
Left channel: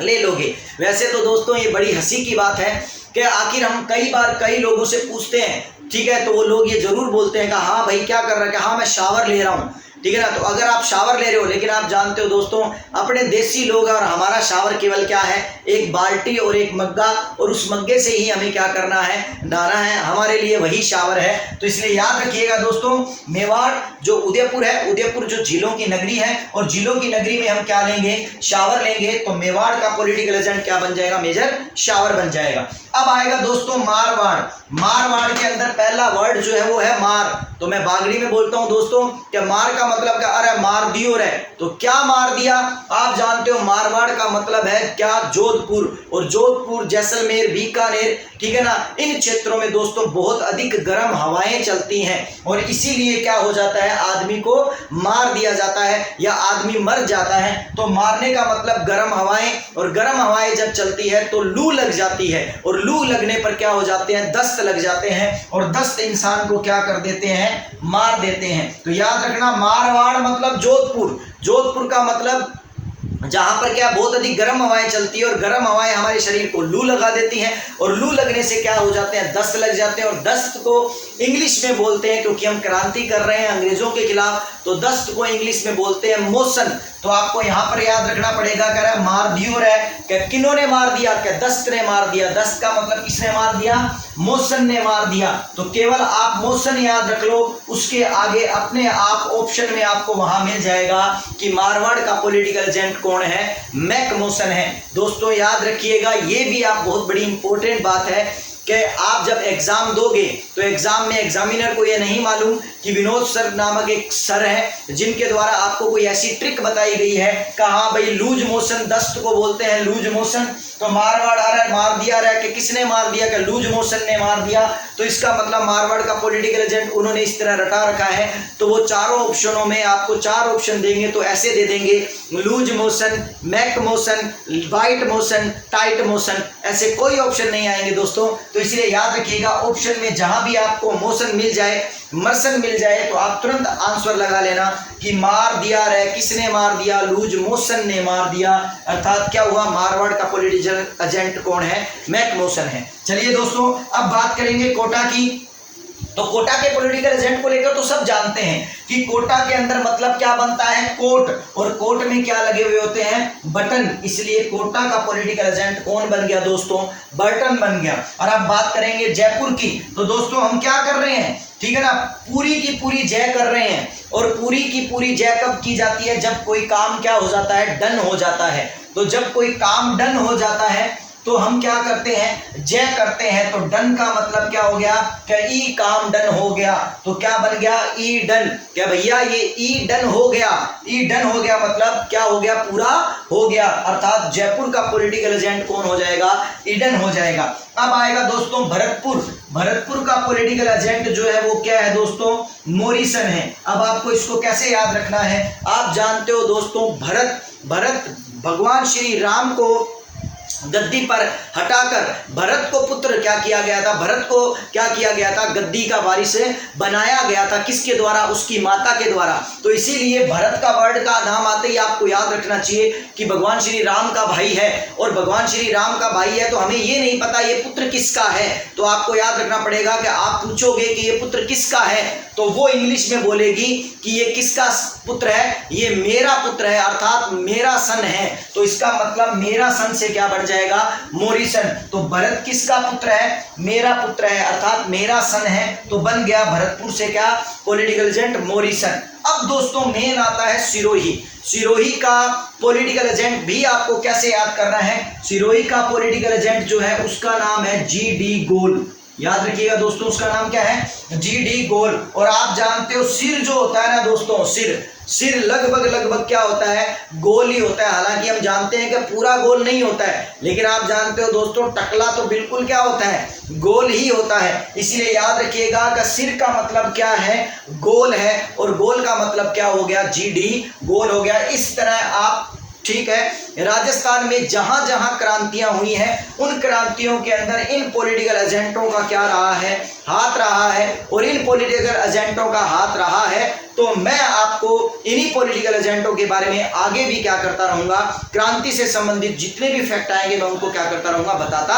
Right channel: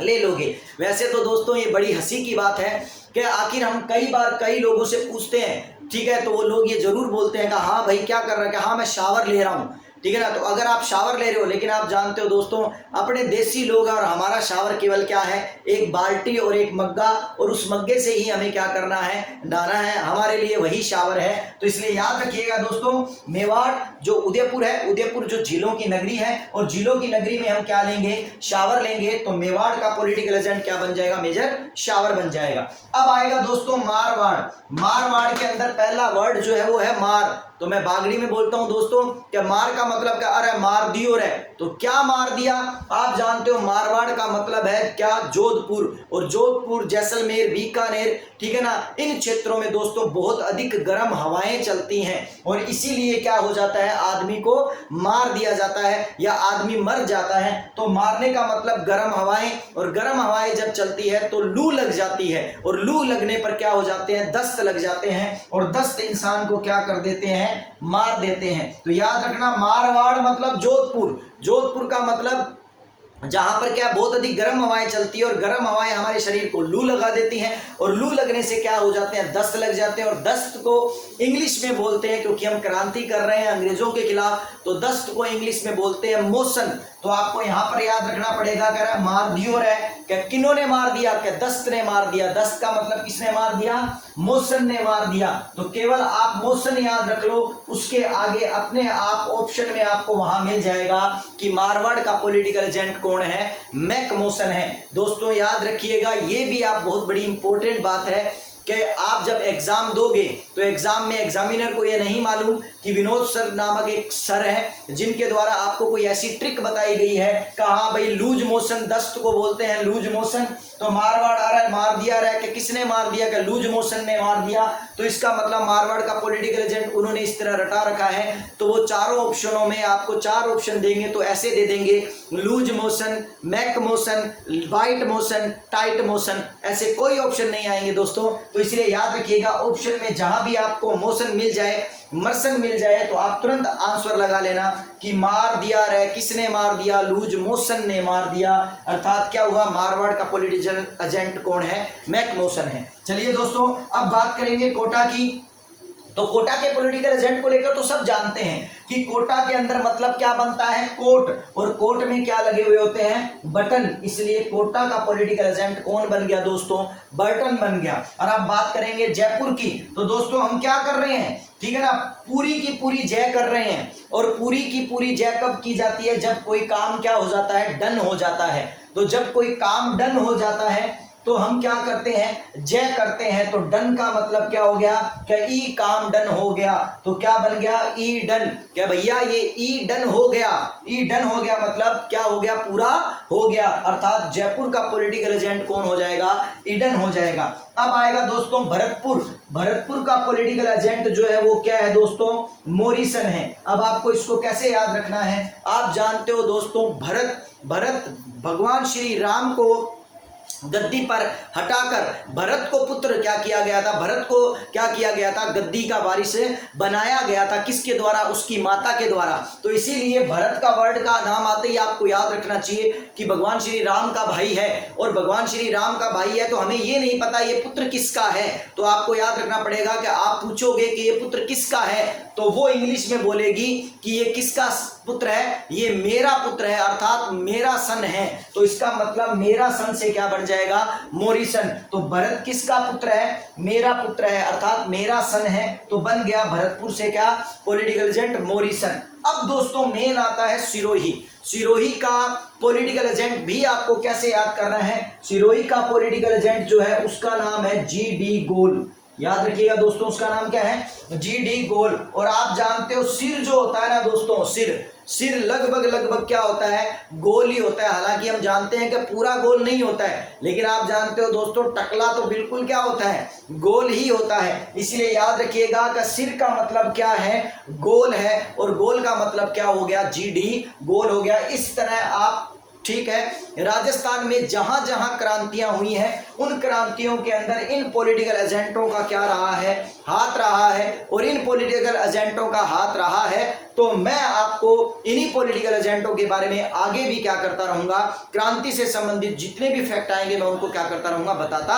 ले लोगे। वैसे तो दोस्तों ये बड़ी हंसी की बात है कि आखिर हम कई बार कई लोगों से पूछते हैं, ठीक है, तो वो लोग ये जरूर बोलते हैं कि हाँ भाई क्या कर रहा है, कि हाँ मैं शावर ले रहा हूँ। ठीक है ना। तो अगर आप शावर ले रहे हो, लेकिन आप जानते हो दोस्तों अपने देसी लोग और हमारा शावर केवल क्या है, एक बाल्टी और एक मग्गा, और उस मग्गे से ही हमें क्या करना है, नहाना है, हमारे लिए वही शावर है। तो इसलिए याद रखिएगा दोस्तों, मेवाड़ जो उदयपुर है, उदयपुर जो झीलों की नगरी है, और झीलों की नगरी में हम क्या लेंगे, शावर लेंगे। तो मेवाड़ का पॉलिटिकल एजेंट क्या बन जाएगा, मेजर शावर बन जाएगा। अब आएगा दोस्तों मारवाड़। मारवाड़ के अंदर पहला वर्ड जो है वो है मार। तो मैं बागड़ी में बोलता हूं दोस्तों कि मार का मतलब क्या, अरे मार दियो रे, तो क्या मार दिया, आप जानते हो मारवाड़ का मतलब है क्या, जोधपुर। और जोधपुर, जैसलमेर, बीकानेर, ठीक है ना, इन क्षेत्रों में दोस्तों बहुत अधिक गर्म हवाएं चलती हैं, और इसीलिए क्या हो जाता है, आदमी को मार दिया जाता है या आदमी मर जाता है। तो मारने का मतलब गर्म हवाएं, और गर्म हवाएं जब चलती है तो लू लग जाती है, और लू लगने पर क्या हो जाते हैं, दस्त लग जाते हैं, और दस्त इंसान को क्या कर देते हैं, मार देते हैं। तो याद रखना, मारवाड़ मतलब जोधपुर। जोधपुर का मतलब जहां पर क्या बहुत अधिक गर्म हवाएं चलती है, और गर्म हवाएं हमारे शरीर को लू लगा देती हैं, और लू लगने से क्या हो जाते हैं, दस्त लग जाते हैं। और दस्त को इंग्लिश में बोलते हैं, क्योंकि हम क्रांति कर रहे हैं अंग्रेजों के खिलाफ, तो दस्त को इंग्लिश में बोलते हैं मोशन। तो आपको यहां पर याद रखना पड़ेगा, कह रहा है मार दियो रे, क्या किन्होंने मार दिया, क्या दस्त ने मार दिया। दस्त का मतलब किसने मार दिया, मोशन ने मार दिया। तो केवल आप मोशन याद रख लो, उसके आगे अपने आप ऑप्शन में आपको वहां मिल जाएगा कि मारवाड़ का पॉलिटिकल एजेंट कौन है, मैक मोशन है। दोस्तों याद रखिएगा, ये भी आप बहुत बड़ी इंपॉर्टेंट बात है कि आप जब एग्जाम दोगे तो एग्जाम में एग्जामिनर को ये नहीं मालूम कि विनोद सर नामक एक सर है जिनके द्वारा आपको कोई ऐसी ट्रिक बताई गई है, कहा भाई लूज मोशन, दस्त को बोलते हैं लूज मोशन। तो मारवाड़ अरे मार दिया रहा कि किसने मार दिया, कि लूज मोशन ने मार दिया। तो इसका मतलब मारवाड़ का पॉलिटिकल एजेंट उन्होंने इस तरह रटा रखा है। तो वो चारों ऑप्शनों में आपको 4 ऑप्शन देंगे, तो ऐसे दे देंगे, लूज मोशन, मैक motion, white motion, tight motion, ऐसे कोई ऑप्शन नहीं आएंगे दोस्तों। तो इसलिए याद रखिएगा, ऑप्शन में जहां भी आपको मोशन मिल जाए, मर्सन मिल जाए, तो आप तुरंत आंसर लगा लेना कि मार दिया रे, किसने मार दिया, लूज मोशन ने मार दिया। अर्थात क्या हुआ, मारवाड़ का पॉलिटिकल एजेंट कौन है, मैक मोशन है। चलिए दोस्तों, अब बात करेंगे कोटा की। तो कोटा के पॉलिटिकल एजेंट को लेकर तो सब जानते हैं कि कोटा के अंदर मतलब क्या बनता है, कोट, और कोट में क्या लगे हुए होते हैं, बटन। इसलिए कोटा का पॉलिटिकल एजेंट कौन बन गया दोस्तों, बटन बन गया। और अब बात करेंगे जयपुर की। तो दोस्तों हम क्या कर रहे हैं, ठीक है ना, पूरी की पूरी जय कर रहे हैं। और पूरी की पूरी जय कब की जाती है, जब कोई काम क्या हो जाता है, डन हो जाता है। तो जब कोई काम डन हो जाता है तो हम क्या करते हैं, जय करते हैं। तो डन का मतलब क्या हो गया, क्या ई काम डन हो गया। तो क्या बन गया, ई डन। क्या भैया ये ई डन हो गया, ई डन हो गया मतलब क्या हो गया, पूरा हो गया। अर्थात जयपुर का पॉलिटिकल एजेंट कौन हो जाएगा, ईडन हो जाएगा। अब आएगा दोस्तों भरतपुर। भरतपुर का पॉलिटिकल एजेंट जो है वो क्या है दोस्तों, मोरिसन है। अब आपको इसको कैसे याद रखना है, आप जानते हो दोस्तों, भरत भगवान श्री राम को गद्दी पर हटाकर भरत को पुत्र क्या किया गया था, भरत को क्या किया गया था, गद्दी का वारिस बनाया गया था। किसके द्वारा, उसकी माता के द्वारा। तो इसीलिए भरत का वर्ड का नाम आते ही आपको याद रखना चाहिए कि भगवान श्री राम का भाई है, और भगवान श्री राम का भाई है तो हमें ये नहीं पता ये पुत्र किसका है। तो आपको याद रखना पड़ेगा कि आप पूछोगे कि ये पुत्र किसका है, तो वो इंग्लिश में बोलेगी कि ये किसका पुत्र है, ये मेरा पुत्र है, अर्थात मेरा सन है। तो इसका मतलब मेरा सन से क्या बन जाएगा, मोरिसन। तो भरत किसका पुत्र है, मेरा पुत्र है, अर्थात मेरा सन है। तो बन गया भरतपुर से क्या, पॉलिटिकल एजेंट मोरिसन। अब दोस्तों मेन आता है सिरोही। सिरोही का पॉलिटिकल एजेंट भी आपको कैसे याद करना है, सिरोही का पॉलिटिकल एजेंट जो है उसका नाम है जी.डी. गोल। याद रखिएगा दोस्तों, उसका नाम क्या है, जी.डी. गोल। और आप जानते हो सिर जो होता है ना दोस्तों, सिर लगभग क्या होता है, गोल ही होता है। हालांकि हम जानते हैं कि पूरा गोल नहीं होता है, लेकिन आप जानते हो दोस्तों टकला तो बिल्कुल क्या होता है, गोल ही होता है। इसीलिए याद रखिएगा कि सिर का मतलब क्या है, गोल है, और गोल का मतलब क्या हो गया, जी.डी. गोल हो गया। इस तरह आप, ठीक है, राजस्थान में जहां जहां क्रांतियां हुई हैं उन क्रांतियों के अंदर इन पॉलिटिकल एजेंटों का क्या रहा है, हाथ रहा है। और इन पॉलिटिकल एजेंटों का हाथ रहा है तो मैं आपको इन्हीं पॉलिटिकल एजेंटों के बारे में आगे भी क्या करता रहूंगा, क्रांति से संबंधित जितने भी फैक्ट आएंगे मैं उनको क्या करता रहूंगा, बताता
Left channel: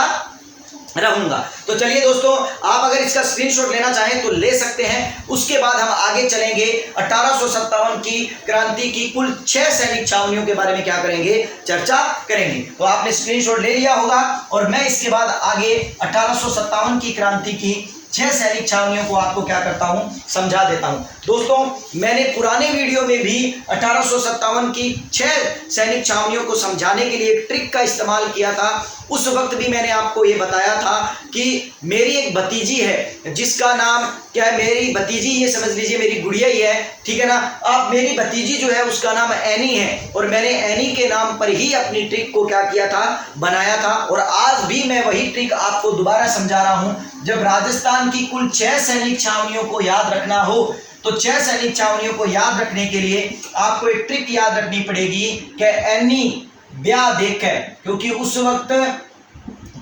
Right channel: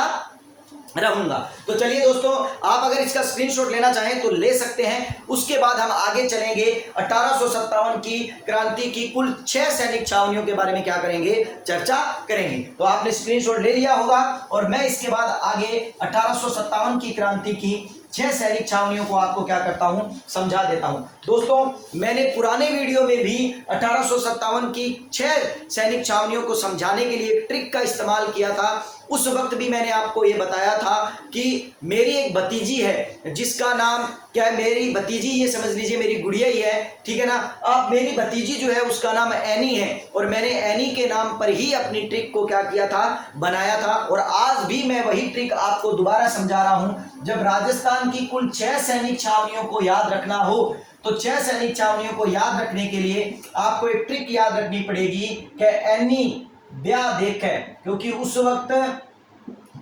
रहूंगा। तो चलिए दोस्तों, आप अगर इसका स्क्रीनशॉट लेना चाहें तो ले सकते हैं। उसके बाद हम आगे चलेंगे 1857 की क्रांति की कुल 6 सैनिक छावनियों के बारे में क्या करेंगे, चर्चा करेंगे। तो आपने स्क्रीनशॉट ले लिया होगा और मैं इसके बाद आगे 1857 की क्रांति की 6 सैनिक छावनियों को आपको क्या करता हूं, समझा देता हूं। दोस्तों, मैंने पुराने वीडियो में भी 1857 की 6 सैनिक छावनियों को समझाने के लिए एक ट्रिक का इस्तेमाल किया था। उस वक्त भी मैंने आपको ये बताया था कि मेरी एक भतीजी है जिसका नाम क्या है, मेरी भतीजी, ये समझ लीजिए मेरी गुड़िया ही है, ठीक है ना। अब मेरी भतीजी जो है उसका नाम एनी है और मैंने एनी के नाम पर ही अपनी ट्रिक को क्या किया था, बनाया था। और आज भी मैं वही ट्रिक आपको दोबारा समझा रहा हूं। जब राजस्थान की कुल 6 सैनिक छावनियों को याद रखना हो तो 6 सैनिक छावनियों को याद रखने के लिए आपको एक ट्रिक याद रखनी पड़ेगी कि एनी ब्याह देख है, क्योंकि उस वक्त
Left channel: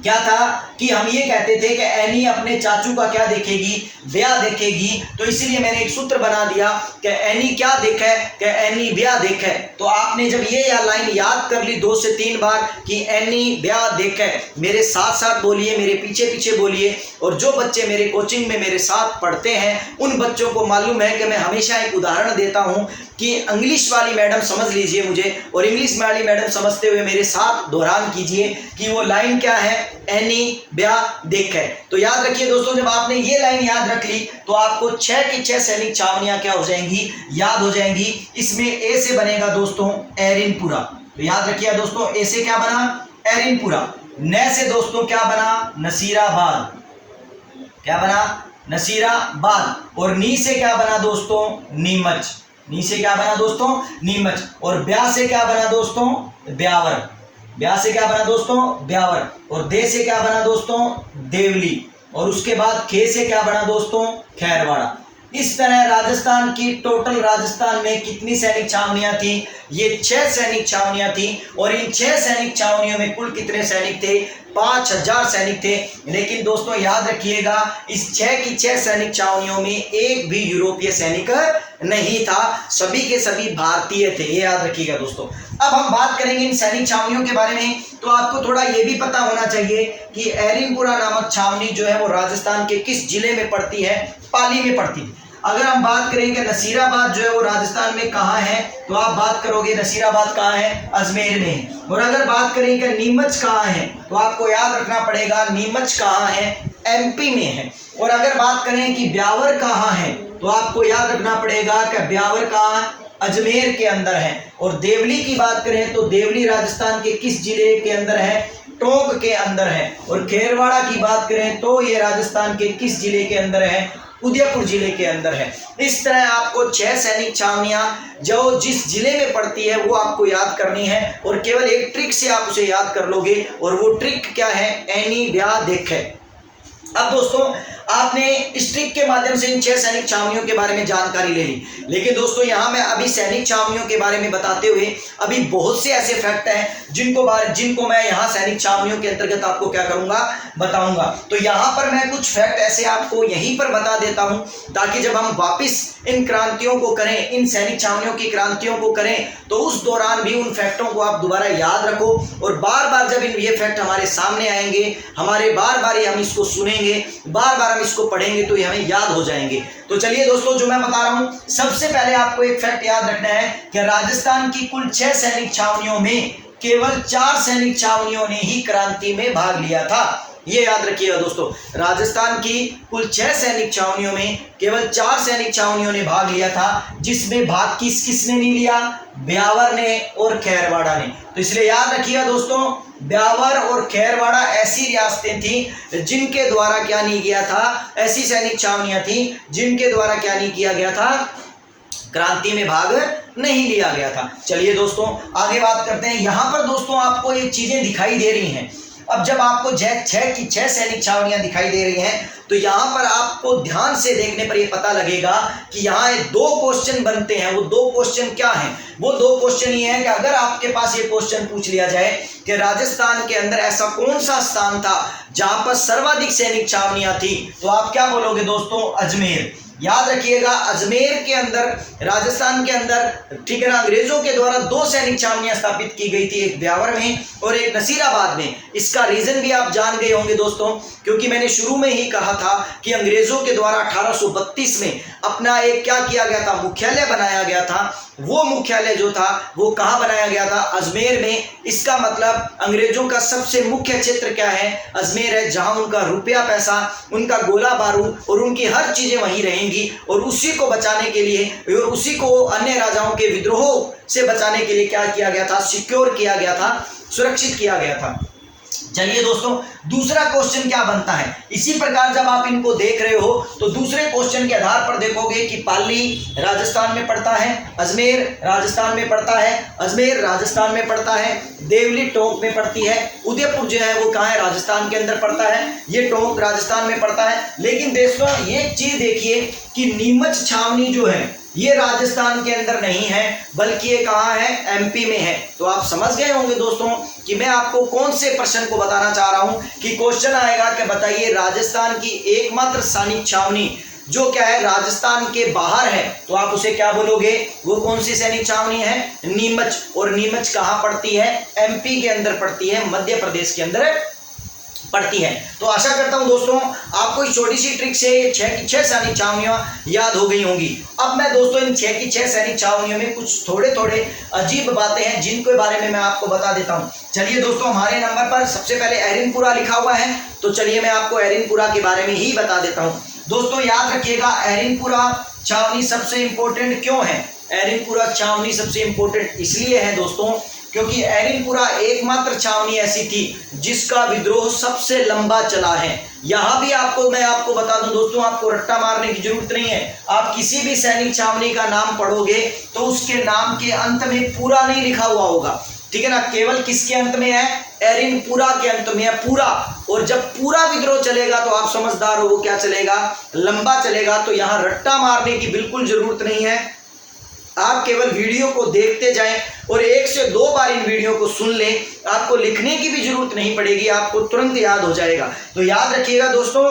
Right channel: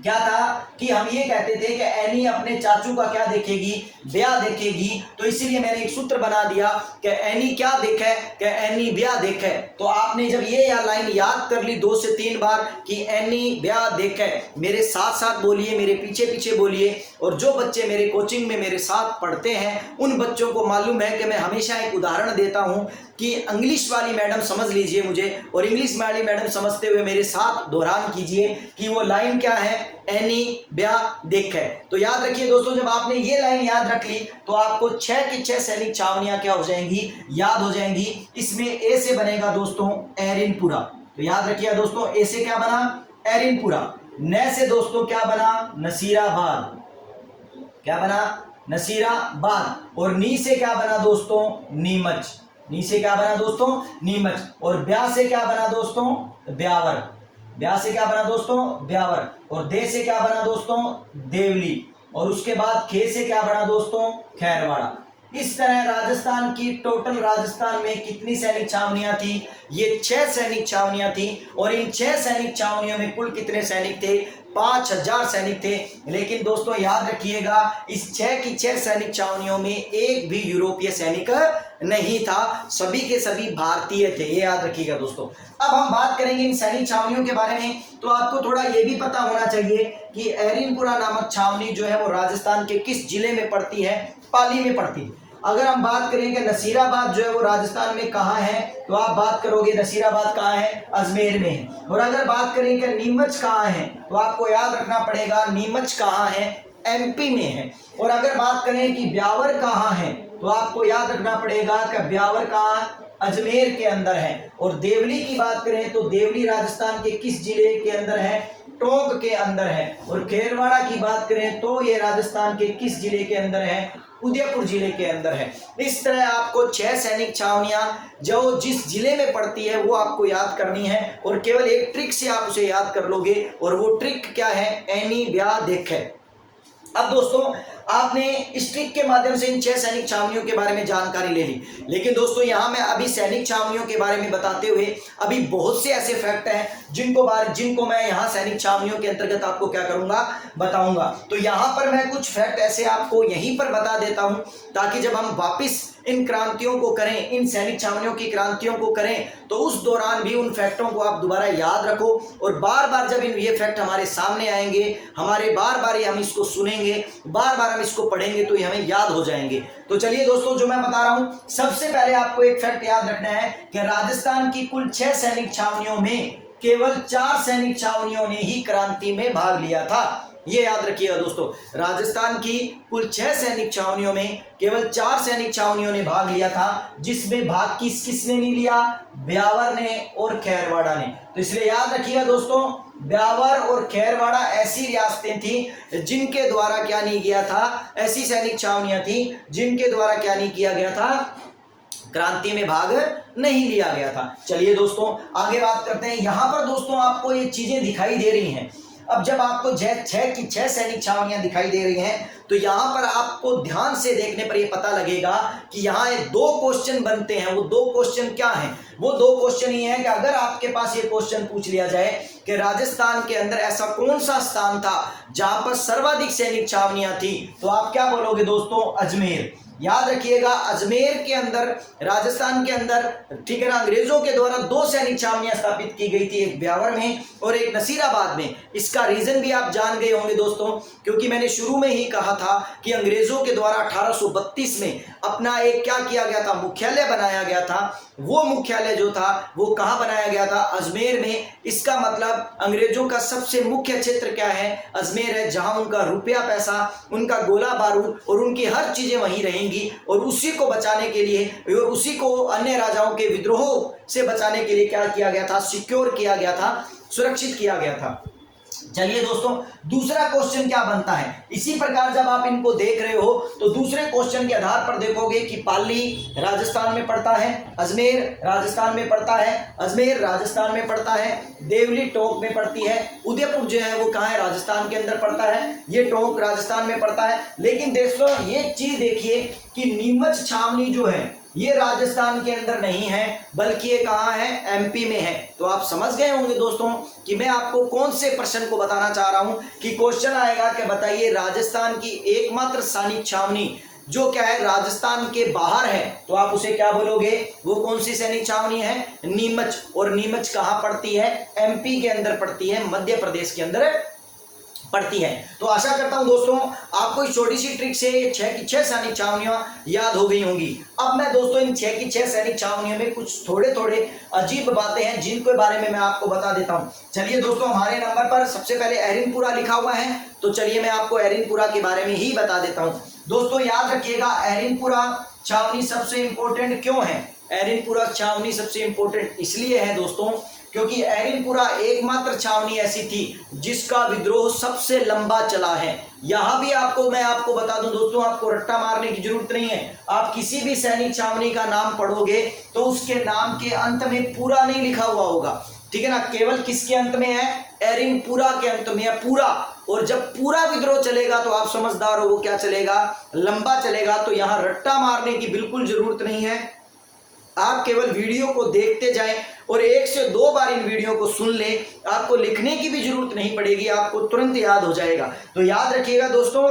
क्या था कि हम ये कहते थे कि एनी अपने चाचू का क्या देखेगी, ब्याह देखेगी। तो इसीलिए मैंने एक सूत्र बना दिया कि एनी क्या देखे, कि एनी ब्याह देखे। तो आपने जब ये लाइन याद कर ली 2 से 3 बार कि एनी ब्याह देखे, मेरे साथ साथ बोलिए, मेरे पीछे पीछे बोलिए। और जो बच्चे मेरे कोचिंग में मेरे साथ पढ़ते हैं उन बच्चों को मालूम है कि मैं हमेशा एक उदाहरण देता हूं कि इंग्लिश वाली मैडम समझ लीजिए मुझे, और इंग्लिश वाली मैडम समझते हुए मेरे साथ दोहरान कीजिए कि वो लाइन क्या है, एनी ब्याह देखे। तो याद रखिए दोस्तों, जब आपने ये लाइन याद रख ली तो आपको 6 की 6 सैनिक छावनियां क्या हो जाएंगी, याद हो जाएंगी। इसमें ए से बनेगा दोस्तों एरिनपुरा। तो याद रखिए दोस्तों, ए से क्या बना, एरिनपुरा। न से दोस्तों क्या बना, नसीराबाद। क्या बना, नसीराबाद। और नी से क्या बना दोस्तों, नीमच। नी से क्या बना दोस्तों, नीमच। और ब्याह से क्या बना दोस्तों, ब्यावर। ब्याह से क्या बना दोस्तों, ब्यावर। और दे से क्या बना दोस्तों, देवली। और उसके बाद खे से क्या बना दोस्तों, खैरवाड़ा। इस तरह राजस्थान की टोटल राजस्थान में कितनी सैनिक छावनियां थी, ये 6 सैनिक छावनियां थी। और इन 6 सैनिक छावनियों में कुल कितने सैनिक थे, 5000 सैनिक थे। लेकिन दोस्तों याद रखिएगा, इस 6 की 6 सैनिक छावनियों में एक भी यूरोपीय सैनिक नहीं था, सभी के सभी भारतीय थे, ये याद रखिएगा दोस्तों। अब हम बात करेंगे इन सैनिक छावनियों के बारे में। तो आपको थोड़ा ये भी पता होना चाहिए कि एरिनपुरा नामक छावनी जो है वो राजस्थान के किस जिले में पड़ती है, पाली में पड़ती है। अगर हम बात करें कि नसीराबाद जो है वो राजस्थान में कहाँ है, तो आप बात करोगे नसीराबाद कहाँ है, अजमेर में है। और अगर बात करें कि नीमच कहाँ है, तो आपको याद रखना पड़ेगा नीमच कहाँ है, एमपी में है। और अगर बात करें कि ब्यावर कहाँ है, तो आपको याद रखना पड़ेगा कि ब्यावर कहाँ है, अजमेर के अंदर है। और देवली की बात करें तो देवली राजस्थान के किस जिले के अंदर है, टोंक के अंदर है। और खेरवाड़ा की बात करें तो ये राजस्थान के किस जिले के अंदर है, उदयपुर जिले के अंदर है। इस तरह आपको 6 सैनिक छावनियां जो जिस जिले में पड़ती है वो आपको याद करनी है। और केवल एक ट्रिक से आप उसे याद कर लोगे, और वो ट्रिक क्या है, एनी ब्याह देखे। अब दोस्तों आपने इस ट्रिक के माध्यम से इन 6 सैनिक छावनियों के बारे में जानकारी ले ली। लेकिन दोस्तों यहाँ मैं अभी सैनिक छावनियों के बारे में बताते हुए अभी बहुत से ऐसे फैक्ट हैं जिनको मैं यहाँ सैनिक छावनियों के अंतर्गत आपको क्या करूंगा, बताऊंगा। तो यहाँ पर मैं कुछ फैक्ट ऐसे आपको यहीं पर बता देता हूँ ताकि जब हम वापिस इन क्रांतियों को करें, इन सैनिक छावनियों की क्रांतियों को करें, तो उस दौरान भी उन फैक्टों को आप दोबारा याद रखो। और बार बार जब ये फैक्ट हमारे सामने आएंगे, हमारे बार बार हम इसको सुनेंगे, बार बार हम इसको पढ़ेंगे, तो ये हमें याद हो जाएंगे। तो चलिए दोस्तों, जो मैं बता रहा हूं, सबसे पहले आपको एक फैक्ट याद रखना है कि राजस्थान की कुल 6 सैनिक छावनियों में केवल 4 सैनिक छावनियों ने ही क्रांति में भाग लिया था। ये याद रखिएगा दोस्तों, राजस्थान की कुल 6 सैनिक छावनियों में केवल 4 सैनिक छावनियों ने भाग लिया था, जिसमें भाग किसने नहीं लिया, ब्यावर ने और खैरवाड़ा ने। तो इसलिए याद रखिएगा दोस्तों, ब्यावर और खैरवाड़ा ऐसी रियासतें थी जिनके द्वारा क्या नहीं किया था, ऐसी सैनिक छावनियां थी जिनके द्वारा क्या नहीं किया गया था, क्रांति में भाग नहीं लिया गया था। चलिए दोस्तों आगे बात करते हैं। यहां पर दोस्तों आपको ये चीजें दिखाई दे रही हैं। अब जब आपको 6 की 6 सैनिक छावनियां दिखाई दे रही हैं, तो यहां पर आपको ध्यान से देखने पर यह पता लगेगा कि यहाँ 2 क्वेश्चन बनते हैं। वो 2 क्वेश्चन क्या हैं? वो 2 क्वेश्चन ये हैं कि अगर आपके पास ये क्वेश्चन पूछ लिया जाए कि राजस्थान के अंदर ऐसा कौन सा स्थान था जहां पर सर्वाधिक सैनिक छावनियां थी, तो आप क्या बोलोगे दोस्तों, अजमेर। याद रखिएगा, अजमेर के अंदर राजस्थान के अंदर, ठीक है ना, अंग्रेजों के द्वारा 2 सैनिक छावनियां स्थापित की गई थी, एक ब्यावर में और एक नसीराबाद में। इसका रीजन भी आप जान गए होंगे दोस्तों, क्योंकि मैंने शुरू में ही कहा था कि अंग्रेजों के द्वारा 1832 में अपना एक क्या किया गया था, मुख्यालय बनाया गया था। वो मुख्यालय जो था वो कहाँ बनाया गया था, अजमेर में। इसका मतलब अंग्रेजों का सबसे मुख्य क्षेत्र क्या है, अजमेर है, जहां उनका रुपया पैसा, उनका गोला बारूद और उनकी हर चीजें वहीं रहेंगी। और उसी को बचाने के लिए, उसी को अन्य राजाओं के विद्रोह से बचाने के लिए क्या किया गया था, सिक्योर किया गया था, सुरक्षित किया गया था। चलिए दोस्तों, दूसरा क्वेश्चन क्या बनता है, इसी प्रकार जब आप इनको देख रहे हो तो दूसरे क्वेश्चन के आधार पर देखोगे कि पाली राजस्थान में पड़ता है, अजमेर राजस्थान में पड़ता है, अजमेर राजस्थान में पड़ता है, देवली टोंक में पड़ती है, उदयपुर जो है वो कहाँ है, राजस्थान के अंदर पड़ता है, ये टोंक राजस्थान में पड़ता है। लेकिन दोस्तों ये चीज देखिए कि नीमच छावनी जो है ये राजस्थान के अंदर नहीं है, बल्कि ये कहाँ है, एमपी में है। तो आप समझ गए होंगे दोस्तों कि मैं आपको कौन से प्रश्न को बताना चाह रहा हूं, कि क्वेश्चन आएगा कि बताइए राजस्थान की एकमात्र सैनिक छावनी जो क्या है, राजस्थान के बाहर है, तो आप उसे क्या बोलोगे, वो कौन सी सैनिक छावनी है, नीमच। और नीमच कहाँ पड़ती है, एमपी के अंदर पड़ती है, मध्य प्रदेश के अंदर पड़ती है। तो आशा करता हूं दोस्तों आपको इस छोटी सी ट्रिक से 6 की 6 सैनिक छावनियां याद हो गई होंगी। अब मैं दोस्तों इन 6 की 6 सैनिक छावनियों में कुछ थोड़े थोड़े अजीब बातें हैं जिनके बारे में मैं आपको बता देता हूं। चलिए दोस्तों, हमारे नंबर पर सबसे पहले एरिनपुरा लिखा हुआ है, तो चलिए मैं आपको एरिनपुरा के बारे में ही बता देता हूं। दोस्तों याद रखिएगा, एरिनपुरा छावनी सबसे इंपॉर्टेंट क्यों है, एरिनपुरा छावनी सबसे इंपॉर्टेंट इसलिए है दोस्तों क्योंकि एरिनपुरा एकमात्र छावनी ऐसी थी जिसका विद्रोह सबसे लंबा चला है। यहां भी मैं आपको बता दूं दोस्तों, आपको रट्टा मारने की जरूरत नहीं है। आप किसी भी सैनिक छावनी का नाम पढ़ोगे तो उसके नाम के अंत में पूरा नहीं लिखा हुआ होगा, ठीक है ना, केवल किसके अंत में है, एरिनपुरा के अंत में है पूरा। और जब पूरा विद्रोह चलेगा तो आप समझदार हो, क्या चलेगा, लंबा चलेगा। तो यहां रट्टा मारने की बिल्कुल जरूरत नहीं है, आप केवल वीडियो को देखते जाएं और 1 से 2 बार इन वीडियो को सुन लें, आपको लिखने की भी जरूरत नहीं पड़ेगी, आपको तुरंत याद हो जाएगा। तो याद रखिएगा दोस्तों,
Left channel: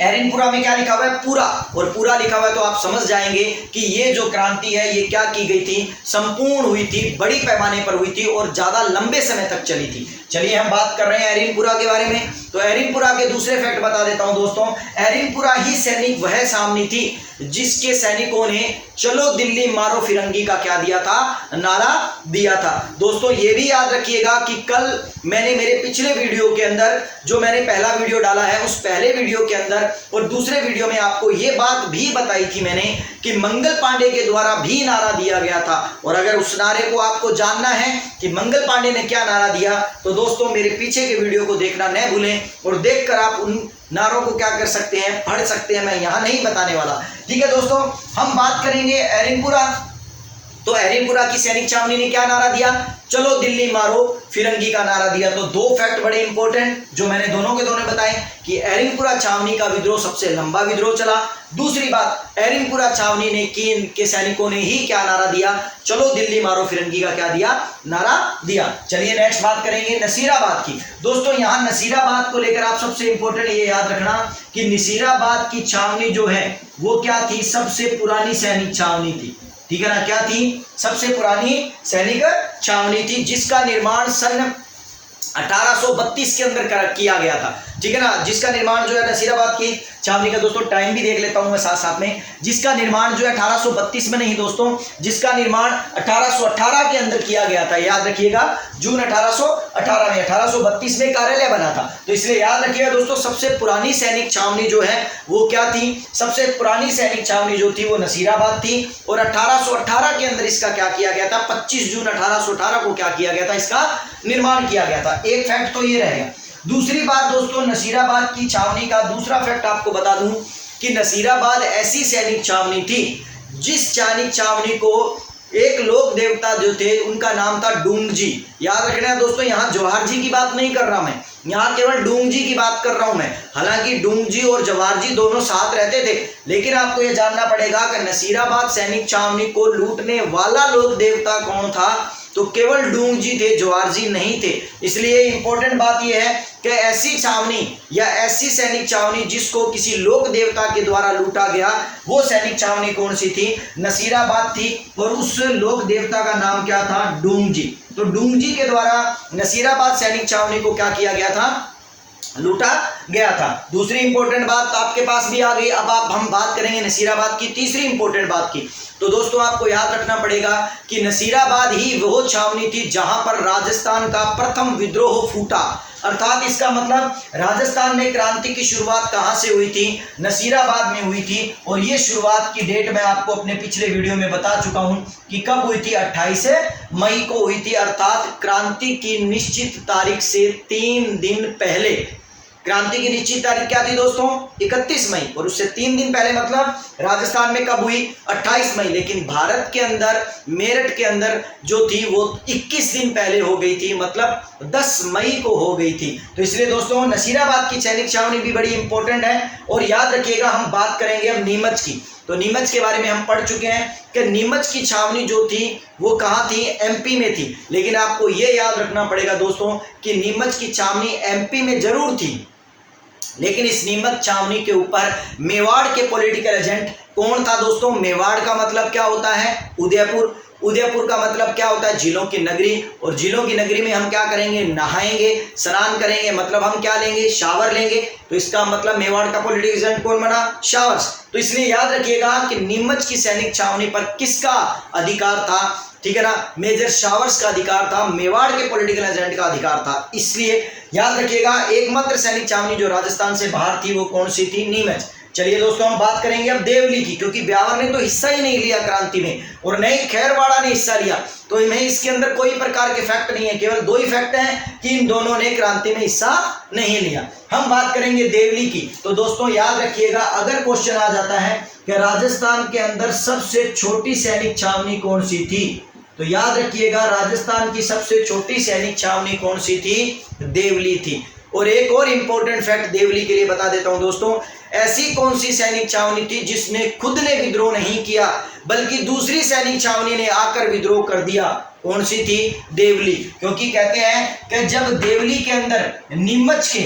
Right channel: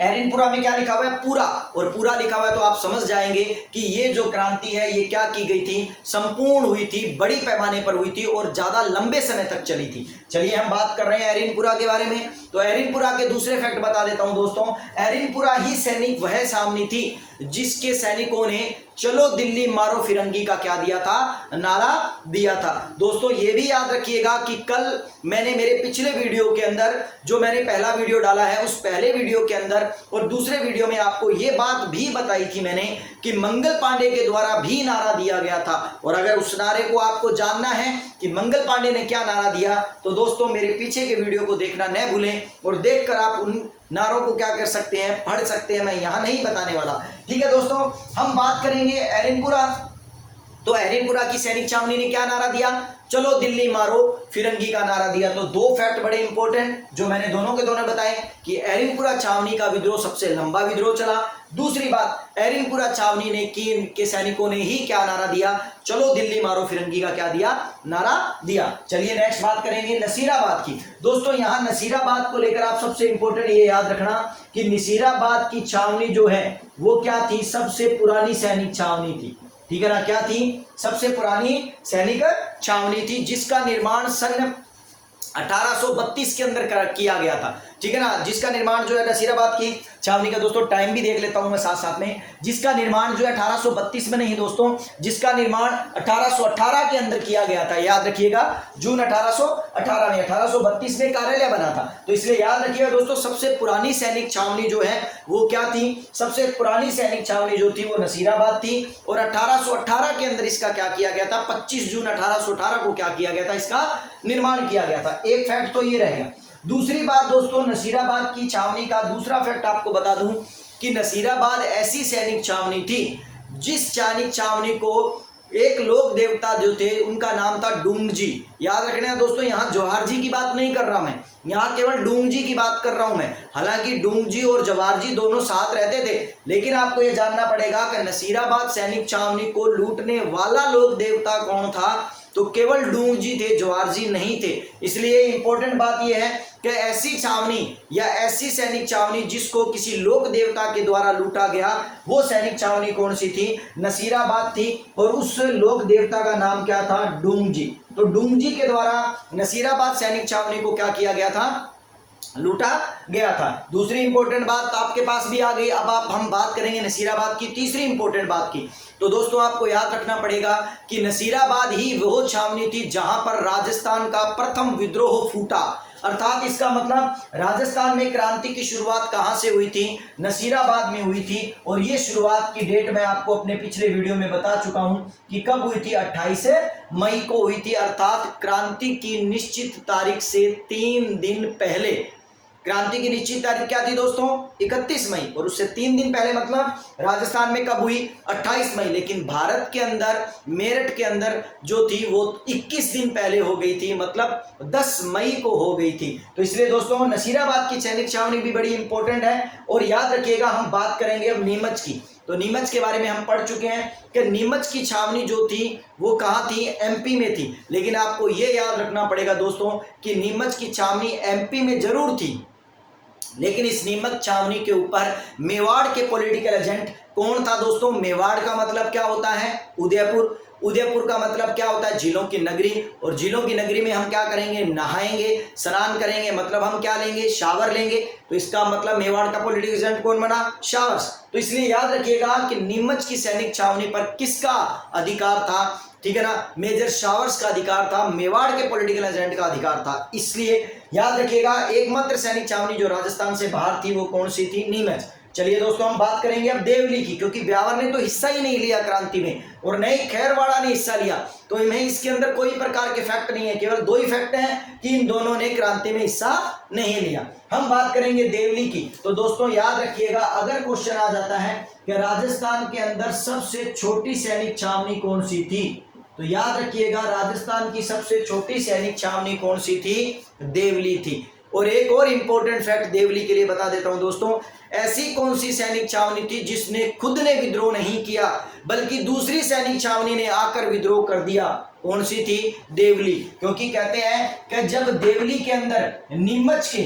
एरिनपुरा में क्या लिखा हुआ है, पूरा, और पूरा लिखा हुआ है तो आप समझ जाएंगे कि ये जो क्रांति है ये क्या की गई थी, संपूर्ण हुई थी, बड़ी पैमाने पर हुई थी और ज्यादा लंबे समय तक चली थी। चलिए हम बात कर रहे हैं एरिनपुरा के बारे में। तो एरिनपुरा के दूसरे फैक्ट बता देता हूं दोस्तों, एरिनपुरा ही सैनिक वह छावनी थी जिसके सैनिकों ने चलो दिल्ली मारो फिरंगी का क्या दिया था, नारा दिया था। दोस्तों ये भी याद रखिएगा कि कल मैंने मेरे पिछले वीडियो के अंदर, जो मैंने पहला वीडियो डाला है उस पहले वीडियो के अंदर और दूसरे वीडियो में आपको ये बात भी बताई थी मैंने कि मंगल पांडे के द्वारा भी नारा दिया गया था। और अगर उस नारे को आपको जानना है कि मंगल पांडे ने क्या नारा दिया, तो दोस्तों मेरे पीछे के वीडियो को देखना न भूलें और देखकर आप उन नारों को क्या कर सकते हैं, पढ़ सकते हैं, मैं यहाँ नहीं बताने वाला। ठीक है दोस्तों, हम बात करेंगे एरिनपुरा। तो एरिनपुरा की सैनिक छावनी ने क्या नारा दिया, चलो दिल्ली मारो फिरंगी का नारा दिया। तो 2 फैक्ट बड़े इंपॉर्टेंट जो मैंने दोनों के दोनों बताए कि एरिनपुरा छावनी का विद्रोह सबसे लंबा विद्रोह चला। दूसरी बात, एरिनपुरा छावनी ने के सैनिकों ने ही क्या नारा दिया, चलो दिल्ली मारो फिरंगी का क्या दिया, नारा दिया। चलिए नेक्स्ट बात करेंगे नसीराबाद की। दोस्तों यहाँ नसीराबाद को लेकर आप सबसे इंपॉर्टेंट ये याद रखना कि नसीराबाद की छावनी जो है वो क्या थी, सबसे पुरानी सैनिक छावनी थी, ठीक है ना, क्या थी, सबसे पुरानी सैनिक छावनी थी जिसका निर्माण सन 1832 के अंदर किया गया था, ठीक है ना, जिसका निर्माण जो है नसीराबाद की छावनी का, दोस्तों टाइम भी देख लेता हूं मैं साथ साथ में, जिसका निर्माण जो है 1832 में नहीं दोस्तों, जिसका निर्माण 1818 के अंदर किया गया था। याद रखिएगा, जून 1818 में, 1832 में कार्यालय बना था। तो इसलिए याद रखिएगा दोस्तों, सबसे पुरानी सैनिक छावनी जो है वो क्या थी, सबसे पुरानी सैनिक छावनी जो थी वो नसीराबाद थी। और 1818 के अंदर इसका क्या किया गया था, 25 जून 1818 को क्या किया गया था, इसका निर्माण किया गया था। एक फैक्ट तो ये रहेगा। दूसरी बात दोस्तों, नसीराबाद की छावनी का दूसरा फैक्ट आपको बता दूं कि नसीराबाद ऐसी सैनिक छावनी थी जिस सैनिक छावनी को एक लोक देवता जो थे उनका नाम था डूंगजी। याद रखना है दोस्तों, यहाँ जवाहर जी की बात नहीं कर रहा मैं, यहाँ केवल डूंगजी की बात कर रहा हूं मैं। हालांकि डूंगजी और जवाहर जी दोनों साथ रहते थे, लेकिन आपको यह जानना पड़ेगा कि नसीराबाद सैनिक छावनी को लूटने वाला लोक देवता कौन था, तो केवल डूंगजी थे, जवाहर जी नहीं थे। इसलिए इंपॉर्टेंट बात यह है कि ऐसी छावनी या ऐसी सैनिक छावनी जिसको किसी लोक देवता के द्वारा लूटा गया, वो सैनिक छावनी कौन सी थी? नसीराबाद थी। और उस लोक देवता का नाम क्या था? डूंगजी। तो डूंगजी के द्वारा नसीराबाद सैनिक छावनी को क्या किया गया था? लूटा गया था। दूसरी इंपॉर्टेंट बात आपके पास भी आ गई। अब हम बात करेंगे नसीराबाद की तीसरी इंपॉर्टेंट बात की। तो दोस्तों आपको याद रखना पड़ेगा कि नसीराबाद ही वो छावनी थी जहां पर राजस्थान का प्रथम विद्रोह फूटा। अर्थात इसका मतलब राजस्थान में क्रांति की शुरुआत कहां से हुई थी? नसीराबाद में हुई थी। और ये शुरुआत की डेट मैं आपको अपने पिछले वीडियो में बता चुका हूं कि कब हुई थी? 28 मई को हुई थी। अर्थात क्रांति की निश्चित तारीख से 3 दिन पहले। क्रांति की निश्चित तारीख क्या थी दोस्तों? 31 मई। और उससे 3 दिन पहले मतलब राजस्थान में कब हुई? 28 मई। लेकिन भारत के अंदर मेरठ के अंदर जो थी वो 21 दिन पहले हो गई थी, मतलब 10 मई को हो गई थी। तो इसलिए दोस्तों नसीराबाद की सैनिक छावनी भी बड़ी इंपॉर्टेंट है। और याद रखिएगा हम बात करेंगे अब नीमच की। तो नीमच के बारे में हम पढ़ चुके हैं कि नीमच की छावनी जो थी वो कहाँ थी? एमपी में थी। लेकिन आपको ये याद रखना पड़ेगा दोस्तों कि नीमच की छावनी एमपी में जरूर थी, लेकिन इस नीमच छावनी के ऊपर मेवाड़ के पॉलिटिकल एजेंट कौन था दोस्तों? मेवाड़ का मतलब क्या होता है? उदयपुर। उदयपुर का मतलब क्या होता है? झीलों की नगरी। और झीलों की नगरी में हम क्या करेंगे? नहाएंगे, स्नान करेंगे, मतलब हम क्या लेंगे? शावर लेंगे। तो इसका मतलब मेवाड़ का पॉलिटिकल एजेंट कौन बना? शावर्स। तो इसलिए याद रखिएगा कि नीमच की सैनिक छावनी पर किसका अधिकार था? ठीक है ना, मेजर शावर्स का अधिकार था, मेवाड़ के पॉलिटिकल एजेंट का अधिकार था। इसलिए याद रखिएगा एकमात्र सैनिक छावनी जो राजस्थान से बाहर थी वो कौन सी थी? नीमच। चलिए दोस्तों हम बात करेंगे अब देवली की, क्योंकि ब्यावर ने तो हिस्सा ही नहीं लिया क्रांति में और न ही खैरवाड़ा ने हिस्सा लिया। तो इन्हें इसके अंदर कोई प्रकार के फैक्ट नहीं है, केवल 2 ही फैक्ट हैं कि इन दोनों ने क्रांति में हिस्सा नहीं लिया। हम बात करेंगे देवली की। तो दोस्तों याद रखिएगा अगर क्वेश्चन आ जाता है कि राजस्थान के अंदर सबसे छोटी सैनिक छावनी कौन सी थी, तो याद रखिएगा राजस्थान की सबसे छोटी सैनिक छावनी कौन सी थी? देवली थी। और एक और इंपॉर्टेंट फैक्ट देवली के लिए बता देता हूं दोस्तों, ऐसी कौन सी सैनिक छावनी थी जिसने खुद ने विद्रोह नहीं किया बल्कि दूसरी सैनिक छावनी ने आकर विद्रोह कर दिया? कौन सी थी? देवली। क्योंकि कहते हैं कि जब देवली के अंदर नीमच के,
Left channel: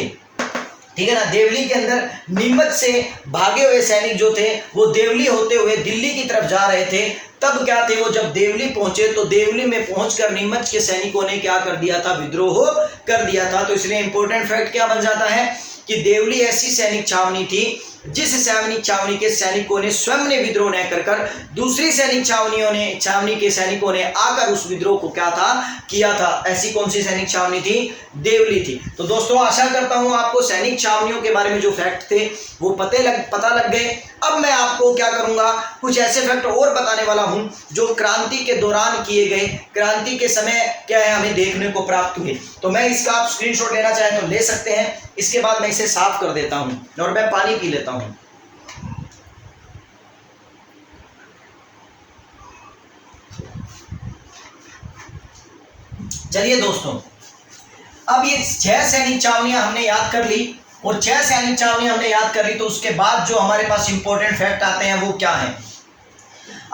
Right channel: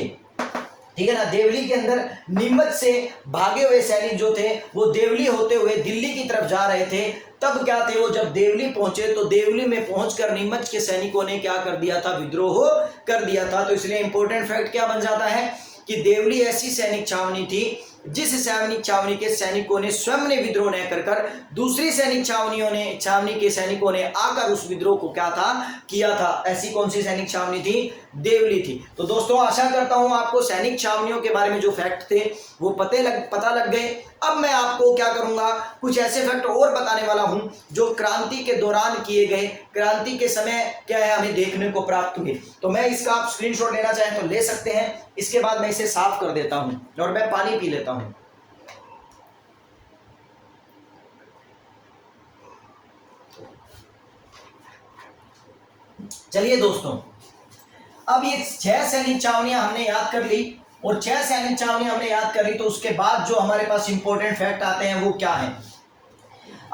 ठीक है ना, देवली के अंदर नीमच से भागे हुए सैनिक जो थे वो देवली होते हुए दिल्ली की तरफ जा रहे थे, तब क्या थे वो जब देवली पहुंचे तो देवली में पहुंचकर नीमच के सैनिकों ने क्या कर दिया था? विद्रोह कर दिया था। तो इसलिए इंपॉर्टेंट फैक्ट क्या बन जाता है कि देवली ऐसी सैनिक छावनी थी जिस सैनिक छावनी के सैनिकों ने स्वयं ने विद्रोह न कर दूसरी सैनिक छावनी के सैनिकों ने आकर उस विद्रोह को क्या था? किया था। ऐसी कौन सी सैनिक छावनी थी? देवली थी। तो दोस्तों आशा करता हूं आपको सैनिक छावनियों के बारे में जो फैक्ट थे वो पता लग गए। अब मैं आपको क्या करूंगा, कुछ ऐसे फैक्ट और बताने वाला हूं जो क्रांति के दौरान किए गए, क्रांति के समय क्या है हमें देखने को प्राप्त हुए। तो मैं इसका आप स्क्रीनशॉट लेना चाहें तो ले सकते हैं। इसके बाद मैं इसे साफ कर देता हूं और मैं पानी पी लेता हूं। चलिए दोस्तों, अब ये 6 सैनिक छावनियां हमने याद कर ली और 6 सैनिक छावनियां हमने याद कर ली, तो उसके बाद जो हमारे पास इंपॉर्टेंट फैक्ट आते हैं वो क्या है?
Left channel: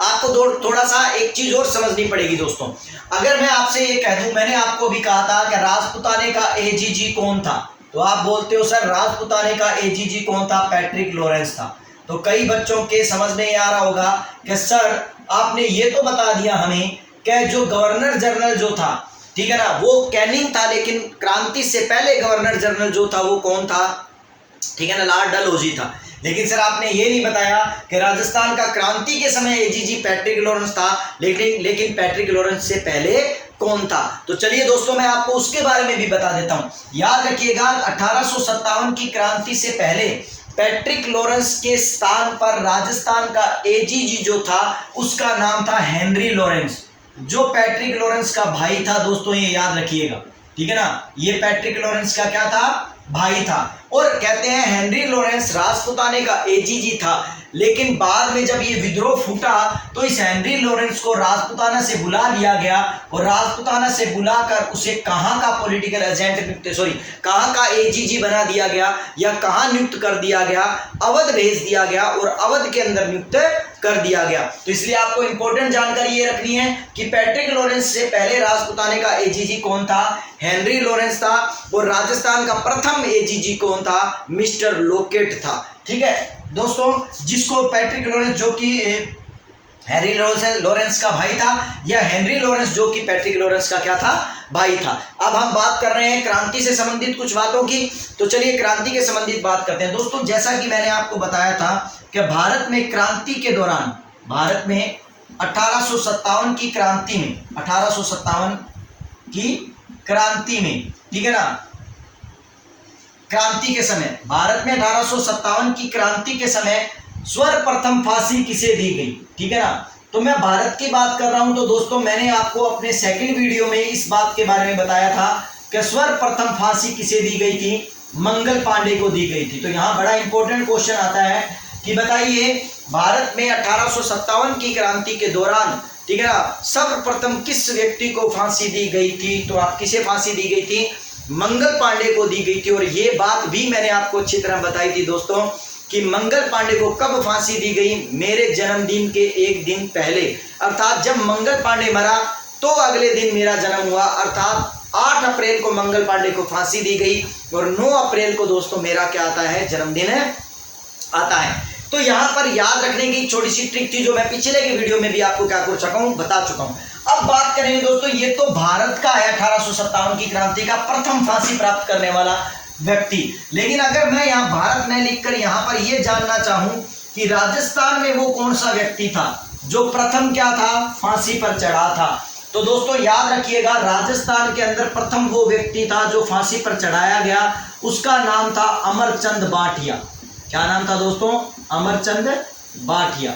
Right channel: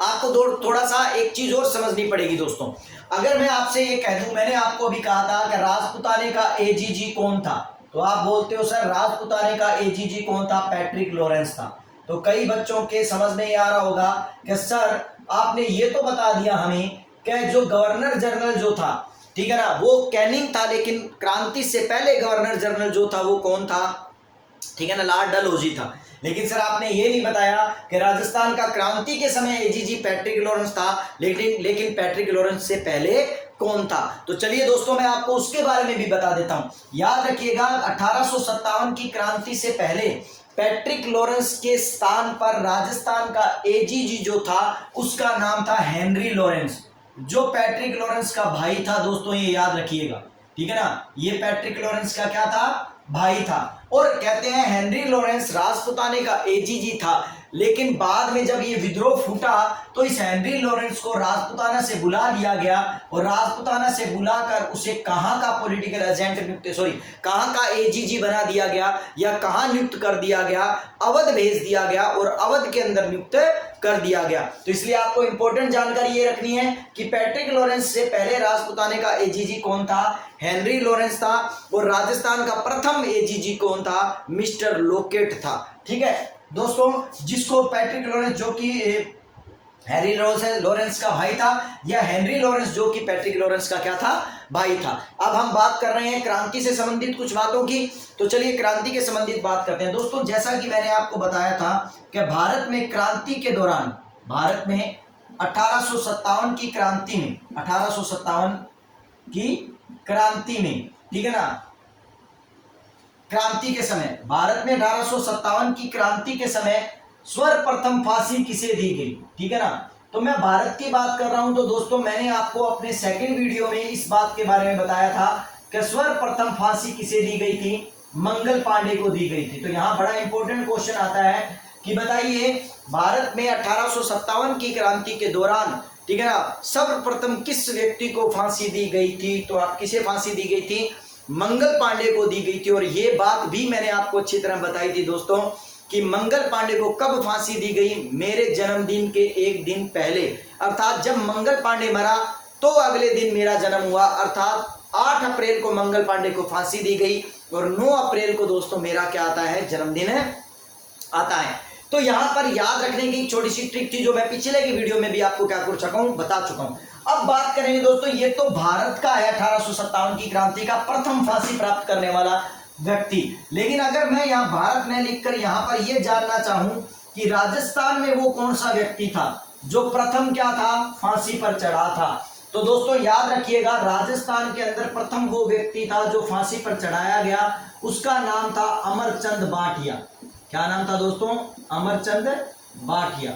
आपको थोड़ा सा एक चीज और समझनी पड़ेगी दोस्तों। अगर मैं आपसे ये कह दूं, मैंने आपको भी कहा था कि राजपुताने का एजीजी कौन था, तो आप बोलते हो सर राजपुताने का एजीजी कौन था? पैट्रिक लॉरेंस था। तो कई बच्चों के समझ में आ रहा होगा कि सर आपने ये तो बता दिया हमें कि जो गवर्नर जनरल जो था, ठीक है ना, वो कैनिंग था, लेकिन क्रांति से पहले गवर्नर जनरल जो था वो कौन था? ठीक है ना, लॉर्ड डलहौजी था। लेकिन सर आपने ये नहीं बताया कि राजस्थान का क्रांति के समय एजीजी पैट्रिक लॉरेंस था, लेकिन पैट्रिक लॉरेंस से पहले कौन था? तो चलिए दोस्तों मैं आपको उसके बारे में भी बता देता हूं। याद रखिएगा 1857 की क्रांति से पहले पैट्रिक लॉरेंस के स्थान पर राजस्थान का एजीजी जो था उसका नाम था हेनरी लॉरेंस, जो पैट्रिक लॉरेंस का भाई था दोस्तों, ये याद रखिएगा। ठीक है ना, ये पैट्रिक लॉरेंस का क्या था? भाई था। और कहते हैं हेनरी लॉरेंस राजपुताने का एजीजी था, लेकिन बाद में जब ये विद्रोह फूटा तो इस हेनरी लॉरेंस को राजपुताना से बुला लिया गया और राजपुताना से बुलाकर उसे कहां का पॉलिटिकल एजेंट कहां का एजीजी बना दिया गया या कहां नियुक्त कर दिया गया? अवध भेज दिया गया और अवध के अंदर नियुक्त कर दिया गया। तो इसलिए आपको इंपॉर्टेंट जानकारी ये रखनी है कि पैट्रिक लॉरेंस से पहले राजपुताने का एजीजी कौन था, हेनरी लॉरेंस था, और राजस्थान का प्रथम एजीजी कौन था, मिस्टर लोकेट था। ठीक है दोस्तों, जिसको पैट्रिक लॉरेंस जो कि हेनरी लॉरेंस का भाई था, या हेनरी लॉरेंस जो कि पैट्रिक लॉरेंस का क्या था, भाई था। अब हम बात कर रहे हैं क्रांति से संबंधित कुछ बातों की, तो चलिए क्रांति के संबंधित बात करते हैं। दोस्तों जैसा कि मैंने आपको बताया था कि भारत में क्रांति के दौरान, भारत में 1857 की क्रांति में, 1857 की क्रांति में, ठीक है ना, क्रांति के समय, भारत में 1857 की क्रांति के समय सर्वप्रथम फांसी किसे दी गई, ठीक है ना। तो मैं भारत की बात कर रहा हूं, तो दोस्तों मैंने आपको अपने सेकंड वीडियो में इस बात के बारे में बताया था कि सर्वप्रथम फांसी किसे दी गई थी, मंगल पांडे को दी गई थी। तो यहां बड़ा इंपॉर्टेंट क्वेश्चन आता है कि बताइए भारत में 1857 की क्रांति के दौरान, ठीक है ना, सर्वप्रथम किस व्यक्ति को फांसी दी गई थी, तो आप किसे फांसी दी गई थी, मंगल पांडे को दी गई थी। और ये बात भी मैंने आपको अच्छी तरह बताई थी दोस्तों कि मंगल पांडे को कब फांसी दी गई, मेरे जन्मदिन के एक दिन पहले, अर्थात जब मंगल पांडे मरा तो अगले दिन मेरा जन्म हुआ, अर्थात 8 अप्रैल को मंगल पांडे को फांसी दी गई और 9 अप्रैल को दोस्तों मेरा क्या आता है, जन्मदिन आता है। तो यहाँ पर याद रखने की छोटी सी ट्रिक थी जो मैं पिछले के वीडियो में भी आपको क्या कर चुका हूँ, बता चुका हूँ। अब बात करेंगे दोस्तों, ये तो भारत का है 1857 की क्रांति का प्रथम फांसी प्राप्त करने वाला व्यक्ति। लेकिन अगर मैं यहाँ भारत में लिखकर यहाँ पर यह जानना चाहूं कि राजस्थान में वो कौन सा व्यक्ति था जो प्रथम क्या था, फांसी पर चढ़ा था, तो दोस्तों याद रखिएगा राजस्थान के अंदर प्रथम वो व्यक्ति था जो फांसी पर चढ़ाया गया, उसका नाम था अमरचंद भाटिया। क्या नाम था दोस्तों, अमरचंद भाटिया।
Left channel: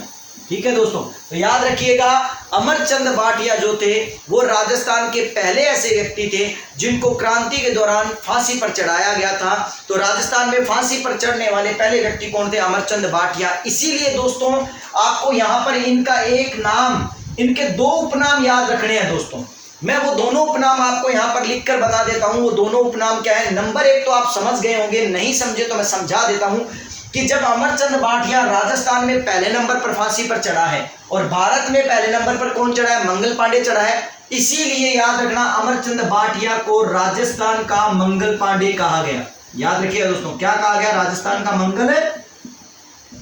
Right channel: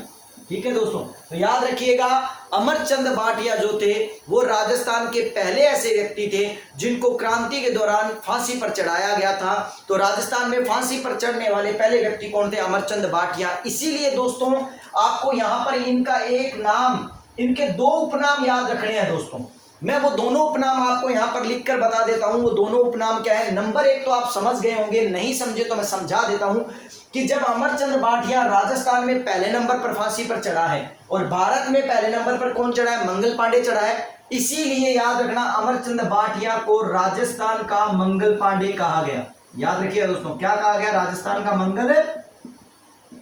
ठीक है दोस्तों, तो याद रखिएगा अमरचंद भाटिया जो थे वो राजस्थान के पहले ऐसे व्यक्ति थे जिनको क्रांति के दौरान फांसी पर चढ़ाया गया था। तो राजस्थान में फांसी पर चढ़ने वाले पहले व्यक्ति कौन थे, अमरचंद भाटिया। इसीलिए दोस्तों आपको यहाँ पर इनका एक नाम, इनके 2 उपनाम याद रखने हैं दोस्तों। मैं वो दोनों उपनाम आपको यहाँ पर लिखकर बता देता हूँ। वो दोनों उपनाम क्या है, नंबर 1 तो आप समझ गए होंगे, नहीं समझे तो मैं समझा देता हूँ कि जब अमरचंद भाटिया राजस्थान में पहले नंबर पर फांसी पर चढ़ा है और भारत में पहले नंबर पर कौन चढ़ा है, मंगल पांडे चढ़ा है, इसीलिए याद रखना अमरचंद भाटिया को राजस्थान का मंगल पांडे कहा गया। याद रखिए दोस्तों, क्या कहा गया, राजस्थान का मंगल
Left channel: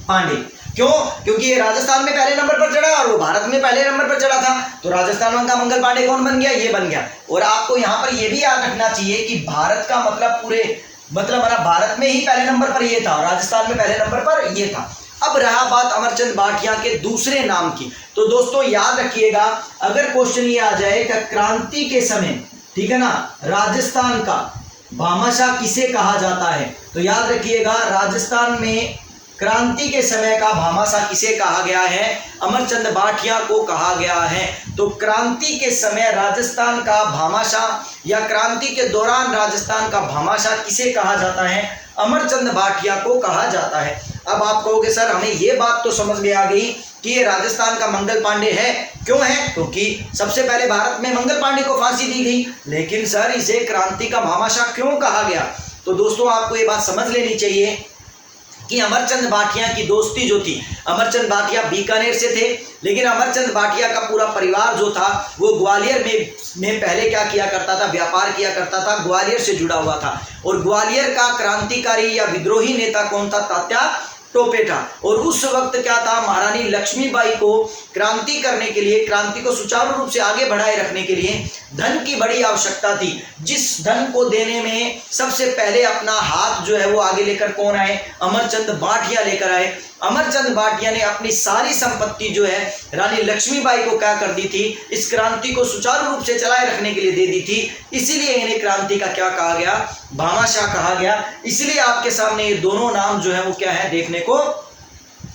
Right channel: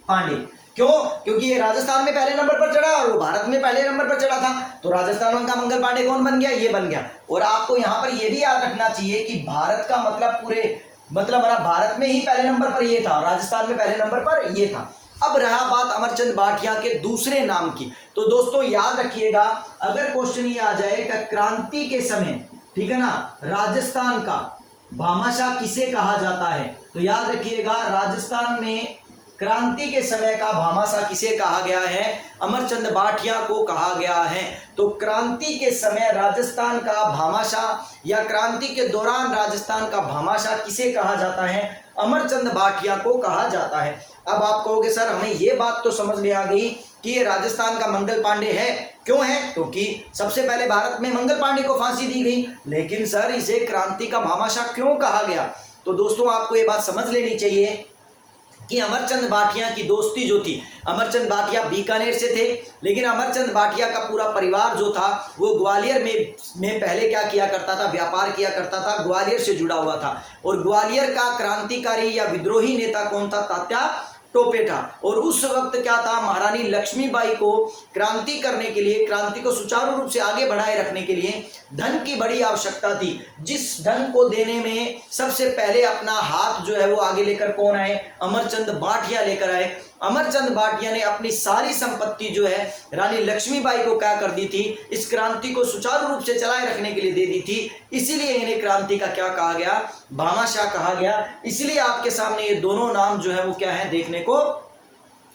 पांडे। क्यों, क्योंकि ये राजस्थान में पहले नंबर पर चढ़ा और वो भारत में पहले नंबर पर चढ़ा था, तो राजस्थान का मंगल पांडे कौन बन गया, ये बन गया। और आपको यहाँ पर यह भी याद रखना चाहिए कि भारत का मतलब हमारा भारत में ही पहले नंबर पर ये था और राजस्थान में पहले नंबर पर ये था। अब रहा बात अमरचंद भाटिया के दूसरे नाम की, तो दोस्तों याद रखिएगा अगर क्वेश्चन ये आ जाए कि क्रांति के समय, ठीक है ना, राजस्थान का भामाशाह किसे कहा जाता है, तो याद रखिएगा राजस्थान में क्रांति के समय का भामाशाह किसे कहा गया है, अमरचंद भाटिया को कहा गया है। तो क्रांति के समय राजस्थान का भामाशाह या क्रांति के दौरान राजस्थान का भामाशाह किसे कहा जाता है, अमरचंद भाटिया को कहा जाता है। अब आप कहोगे सर हमें ये बात तो समझ में आ गई कि ये राजस्थान का मंगल पांडे है, क्यों है, क्योंकि सबसे पहले भारत में मंगल पांडे को फांसी दी गई, लेकिन सर इसे क्रांति का भामाशाह क्यों कहा गया। तो दोस्तों आपको ये बात समझ लेनी चाहिए कि अमरचंद भाटिया की दोस्ती जो थी, अमरचंद भाटिया बीकानेर से थे, लेकिन अमरचंद भाटिया का पूरा परिवार जो था वो ग्वालियर में पहले क्या किया करता था, व्यापार किया करता था, ग्वालियर से जुड़ा हुआ था। और ग्वालियर का क्रांतिकारी या विद्रोही नेता कौन था, तात्या टोपे था। और उस वक्त क्या था, महारानी लक्ष्मीबाई को क्रांति करने के लिए, क्रांति को सुचारू रूप से आगे बढ़ाए रखने के लिए धन की बड़ी आवश्यकता थी, जिस धन को देने में सबसे पहले अपना हाथ जो है वो आगे लेकर कौन आए, अमरचंद भाटिया लेकर आए। अमरचंद भाटिया ने अपनी सारी संपत्ति जो है रानी लक्ष्मीबाई को क्या कर दी थी, इस क्रांति को सुचारू रूप से चलाए रखने के लिए दे दी थी, इसीलिए इन्हें क्रांति का क्या कहा गया, भामाशाह कहा गया। इसलिए आपके सामने ये दोनों नाम जो है वो क्या है, देखने को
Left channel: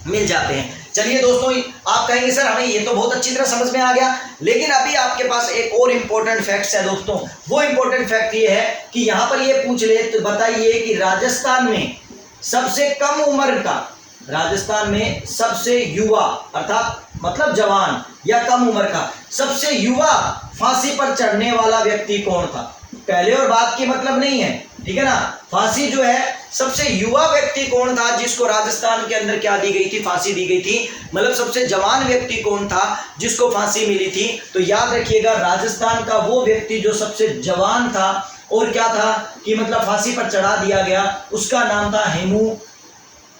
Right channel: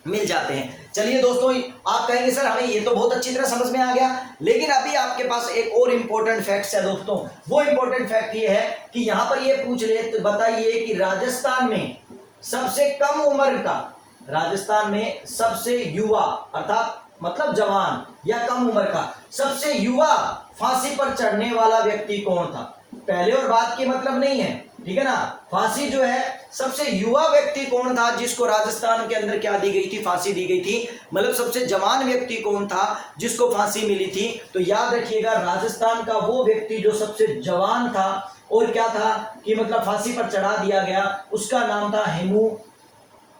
मिल जाते हैं। चलिए दोस्तों, आप कहेंगे सर हमें ये तो बहुत अच्छी तरह समझ में आ गया, लेकिन अभी आपके पास एक और इम्पोर्टेंट फैक्ट्स है दोस्तों। वो इम्पोर्टेंट फैक्ट ये है कि यहाँ पर ये पूछ ले तो बताइए कि राजस्थान में सबसे कम उम्र का, राजस्थान में सबसे युवा अर्थात मतलब जवान या कम उम्र का सबसे युवा फांसी पर चढ़ने वाला व्यक्ति कौन था। पहले और बाद की मतलब नहीं है, ठीक है ना। फांसी जो है सबसे युवा व्यक्ति कौन था जिसको राजस्थान के अंदर क्या दी गई थी, फांसी दी गई थी, मतलब सबसे जवान व्यक्ति कौन था जिसको फांसी मिली थी। तो याद रखिएगा राजस्थान का वो व्यक्ति जो सबसे जवान था और क्या था कि मतलब फांसी पर चढ़ा दिया गया, उसका नाम था हेमू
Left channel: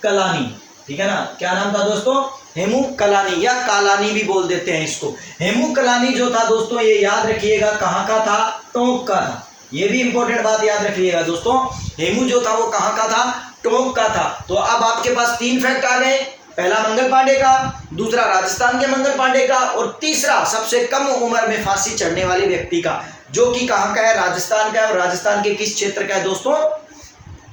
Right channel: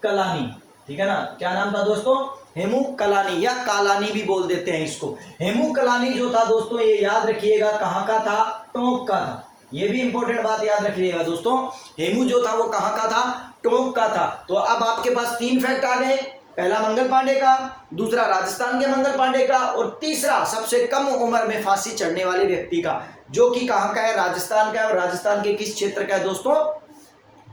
कलानी। ठीक है ना, क्या नाम था दोस्तों, हेमू कलानी या कालानी भी बोल देते हैं इसको। हेमू कलानी जो था दोस्तों ये याद रखिएगा कहाँ का था, टोंक का था। ये भी इंपॉर्टेंट बात याद रखिएगा दोस्तों, हेमू जो था वो कहाँ का था, टोंक का था। तो अब आपके पास 3 फैक्ट आ गए, पहला मंगल पांडे का, दूसरा राजस्थान के मंगल पांडे का, और तीसरा सबसे कम उम्र में फांसी चढ़ने वाले व्यक्ति का, जो कि कहाँ का है, राजस्थान का है। और राजस्थान के किस क्षेत्र का है दोस्तों,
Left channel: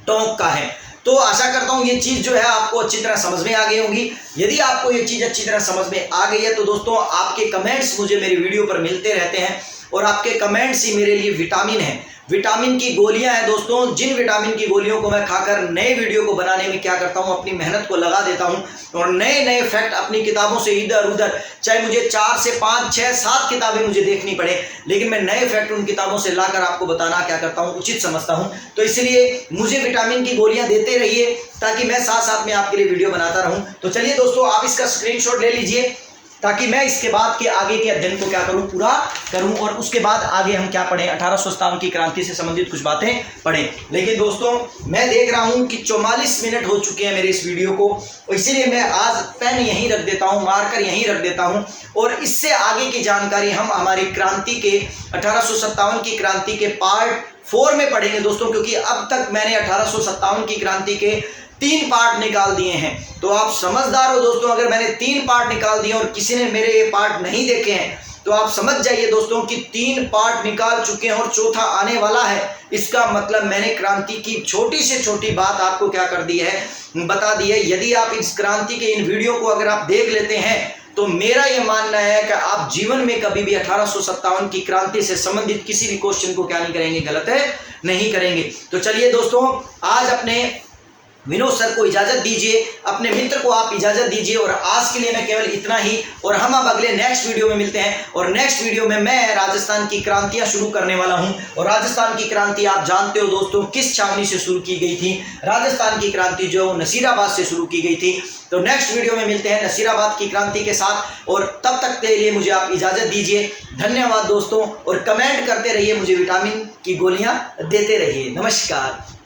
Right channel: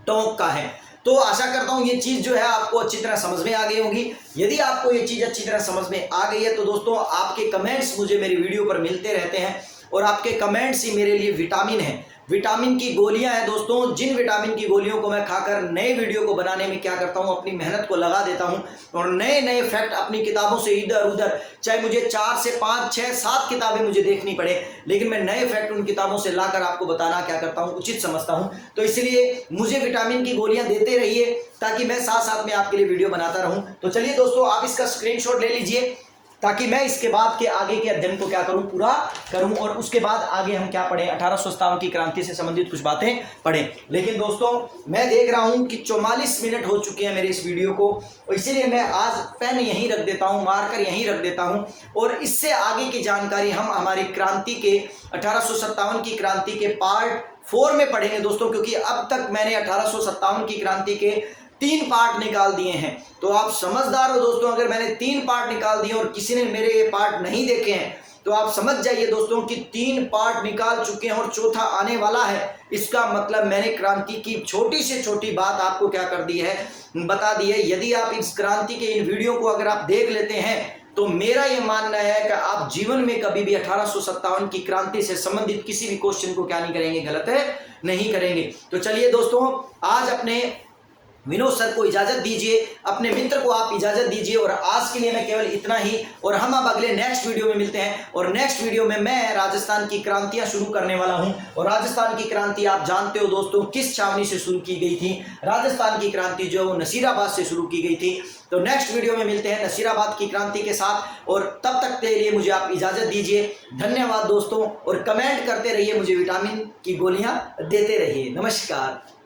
टोंक का है। तो आशा करता हूँ ये चीज़ जो है आपको अच्छी तरह समझ में आ गई होगी। यदि आपको ये चीज़ अच्छी तरह समझ में आ गई है तो दोस्तों आपके कमेंट्स मुझे मेरी वीडियो पर मिलते रहते हैं, और आपके कमेंट्स ही मेरे लिए विटामिन है। विटामिन की गोलियां हैं दोस्तों, जिन विटामिन की गोलियों को मैं खाकर नए वीडियो को बनाने में क्या करता हूं, अपनी मेहनत को लगा देता हूं, और नए नए फैक्ट अपनी किताबों से इधर उधर, चाहे मुझे 4 से 5 6 7 किताबें मुझे देखनी पड़े, लेकिन मैं नए फैक्ट उन किताबों से लाकर आपको बताना क्या करता हूं, उचित समझता हूं। तो इसलिए मुझे विटामिन की गोलियां देते रहिए ताकि मैं साथ साथ में आपके लिए वीडियो बनाता रहूं। तो चलिए दोस्तों आप इसका स्क्रीनशॉट ले लीजिए ताकि मैं इसके बाद के आगे के अध्ययन को क्या करूं, पूरा करूं, और उसके बाद आगे हम क्या पढ़ें, 1857 की क्रांति से संबंधित कुछ बातें पढ़ें। लेकिन दोस्तों मैं देख रहा हूं कि 44 मिनट हो चुके हैं मेरे इस वीडियो को, और इसीलिए मैं आज पेन यहीं रख देता हूं, मार्कर यहीं रख देता हूं, और इससे आगे की जानकारी हम हमारी क्रांति के 1857 की क्रांति के पार्ट 4 में पढ़ेंगे दोस्तों, क्योंकि अब तक मैंने 1857 की क्रांति के 3 पार्ट निकाल दिए हैं। तो आप समझदार हो दोस्तों, अगर मैंने 3 पार्ट निकाल दिए और किसी ने मेरे ये पार्ट नहीं देखे हैं तो आप समझ जाइए दोस्तों कि 3 पार्ट निकाल चुके हैं और चौथा आने वाला है। इसका मतलब मैंने क्रांति की छोटी से छोटी बात आपको क्या कर दी है, बता दी है। यदि आप इस क्रांति के इन वीडियो को अगर आप देख लेते हैं तो मेरा ये मानना है कि आप जीवन में कभी भी 1857 की क्रांति से संबंधित किसी भी क्वेश्चन को क्या नहीं करेंगे, गलत है नहीं करेंगे। तो चलिए दोस्तों आज अपने विनोद सर को इजाजत दीजिए, अपने मित्र को आप इजाजत दीजिए, और आज के लिए मैं केवल इतना ही, और हम अब अगले नेक्स्ट वीडियो में मिलते हैं। और नेक्स्ट वीडियो में मैं राजस्थान की क्रांतियां शुरू करने वाला हूं, और राजस्थान की क्रांति आप जानते हो दोस्तों किस छावनी से शुरू की गई थी, राजस्थान की क्रांति जो नसीराबाद से शुरू की गई थी। तो नेक्स्ट वीडियो में मिलते हैं नसीराबाद की क्रांति के साथ, और तब तक के लिए मुझे आप इजाजत दीजिए। धन्यवाद दोस्तों, और कमेंट करते रहिए, मुझे विटामिन की गोलियां देते रहिए। नमस्कार।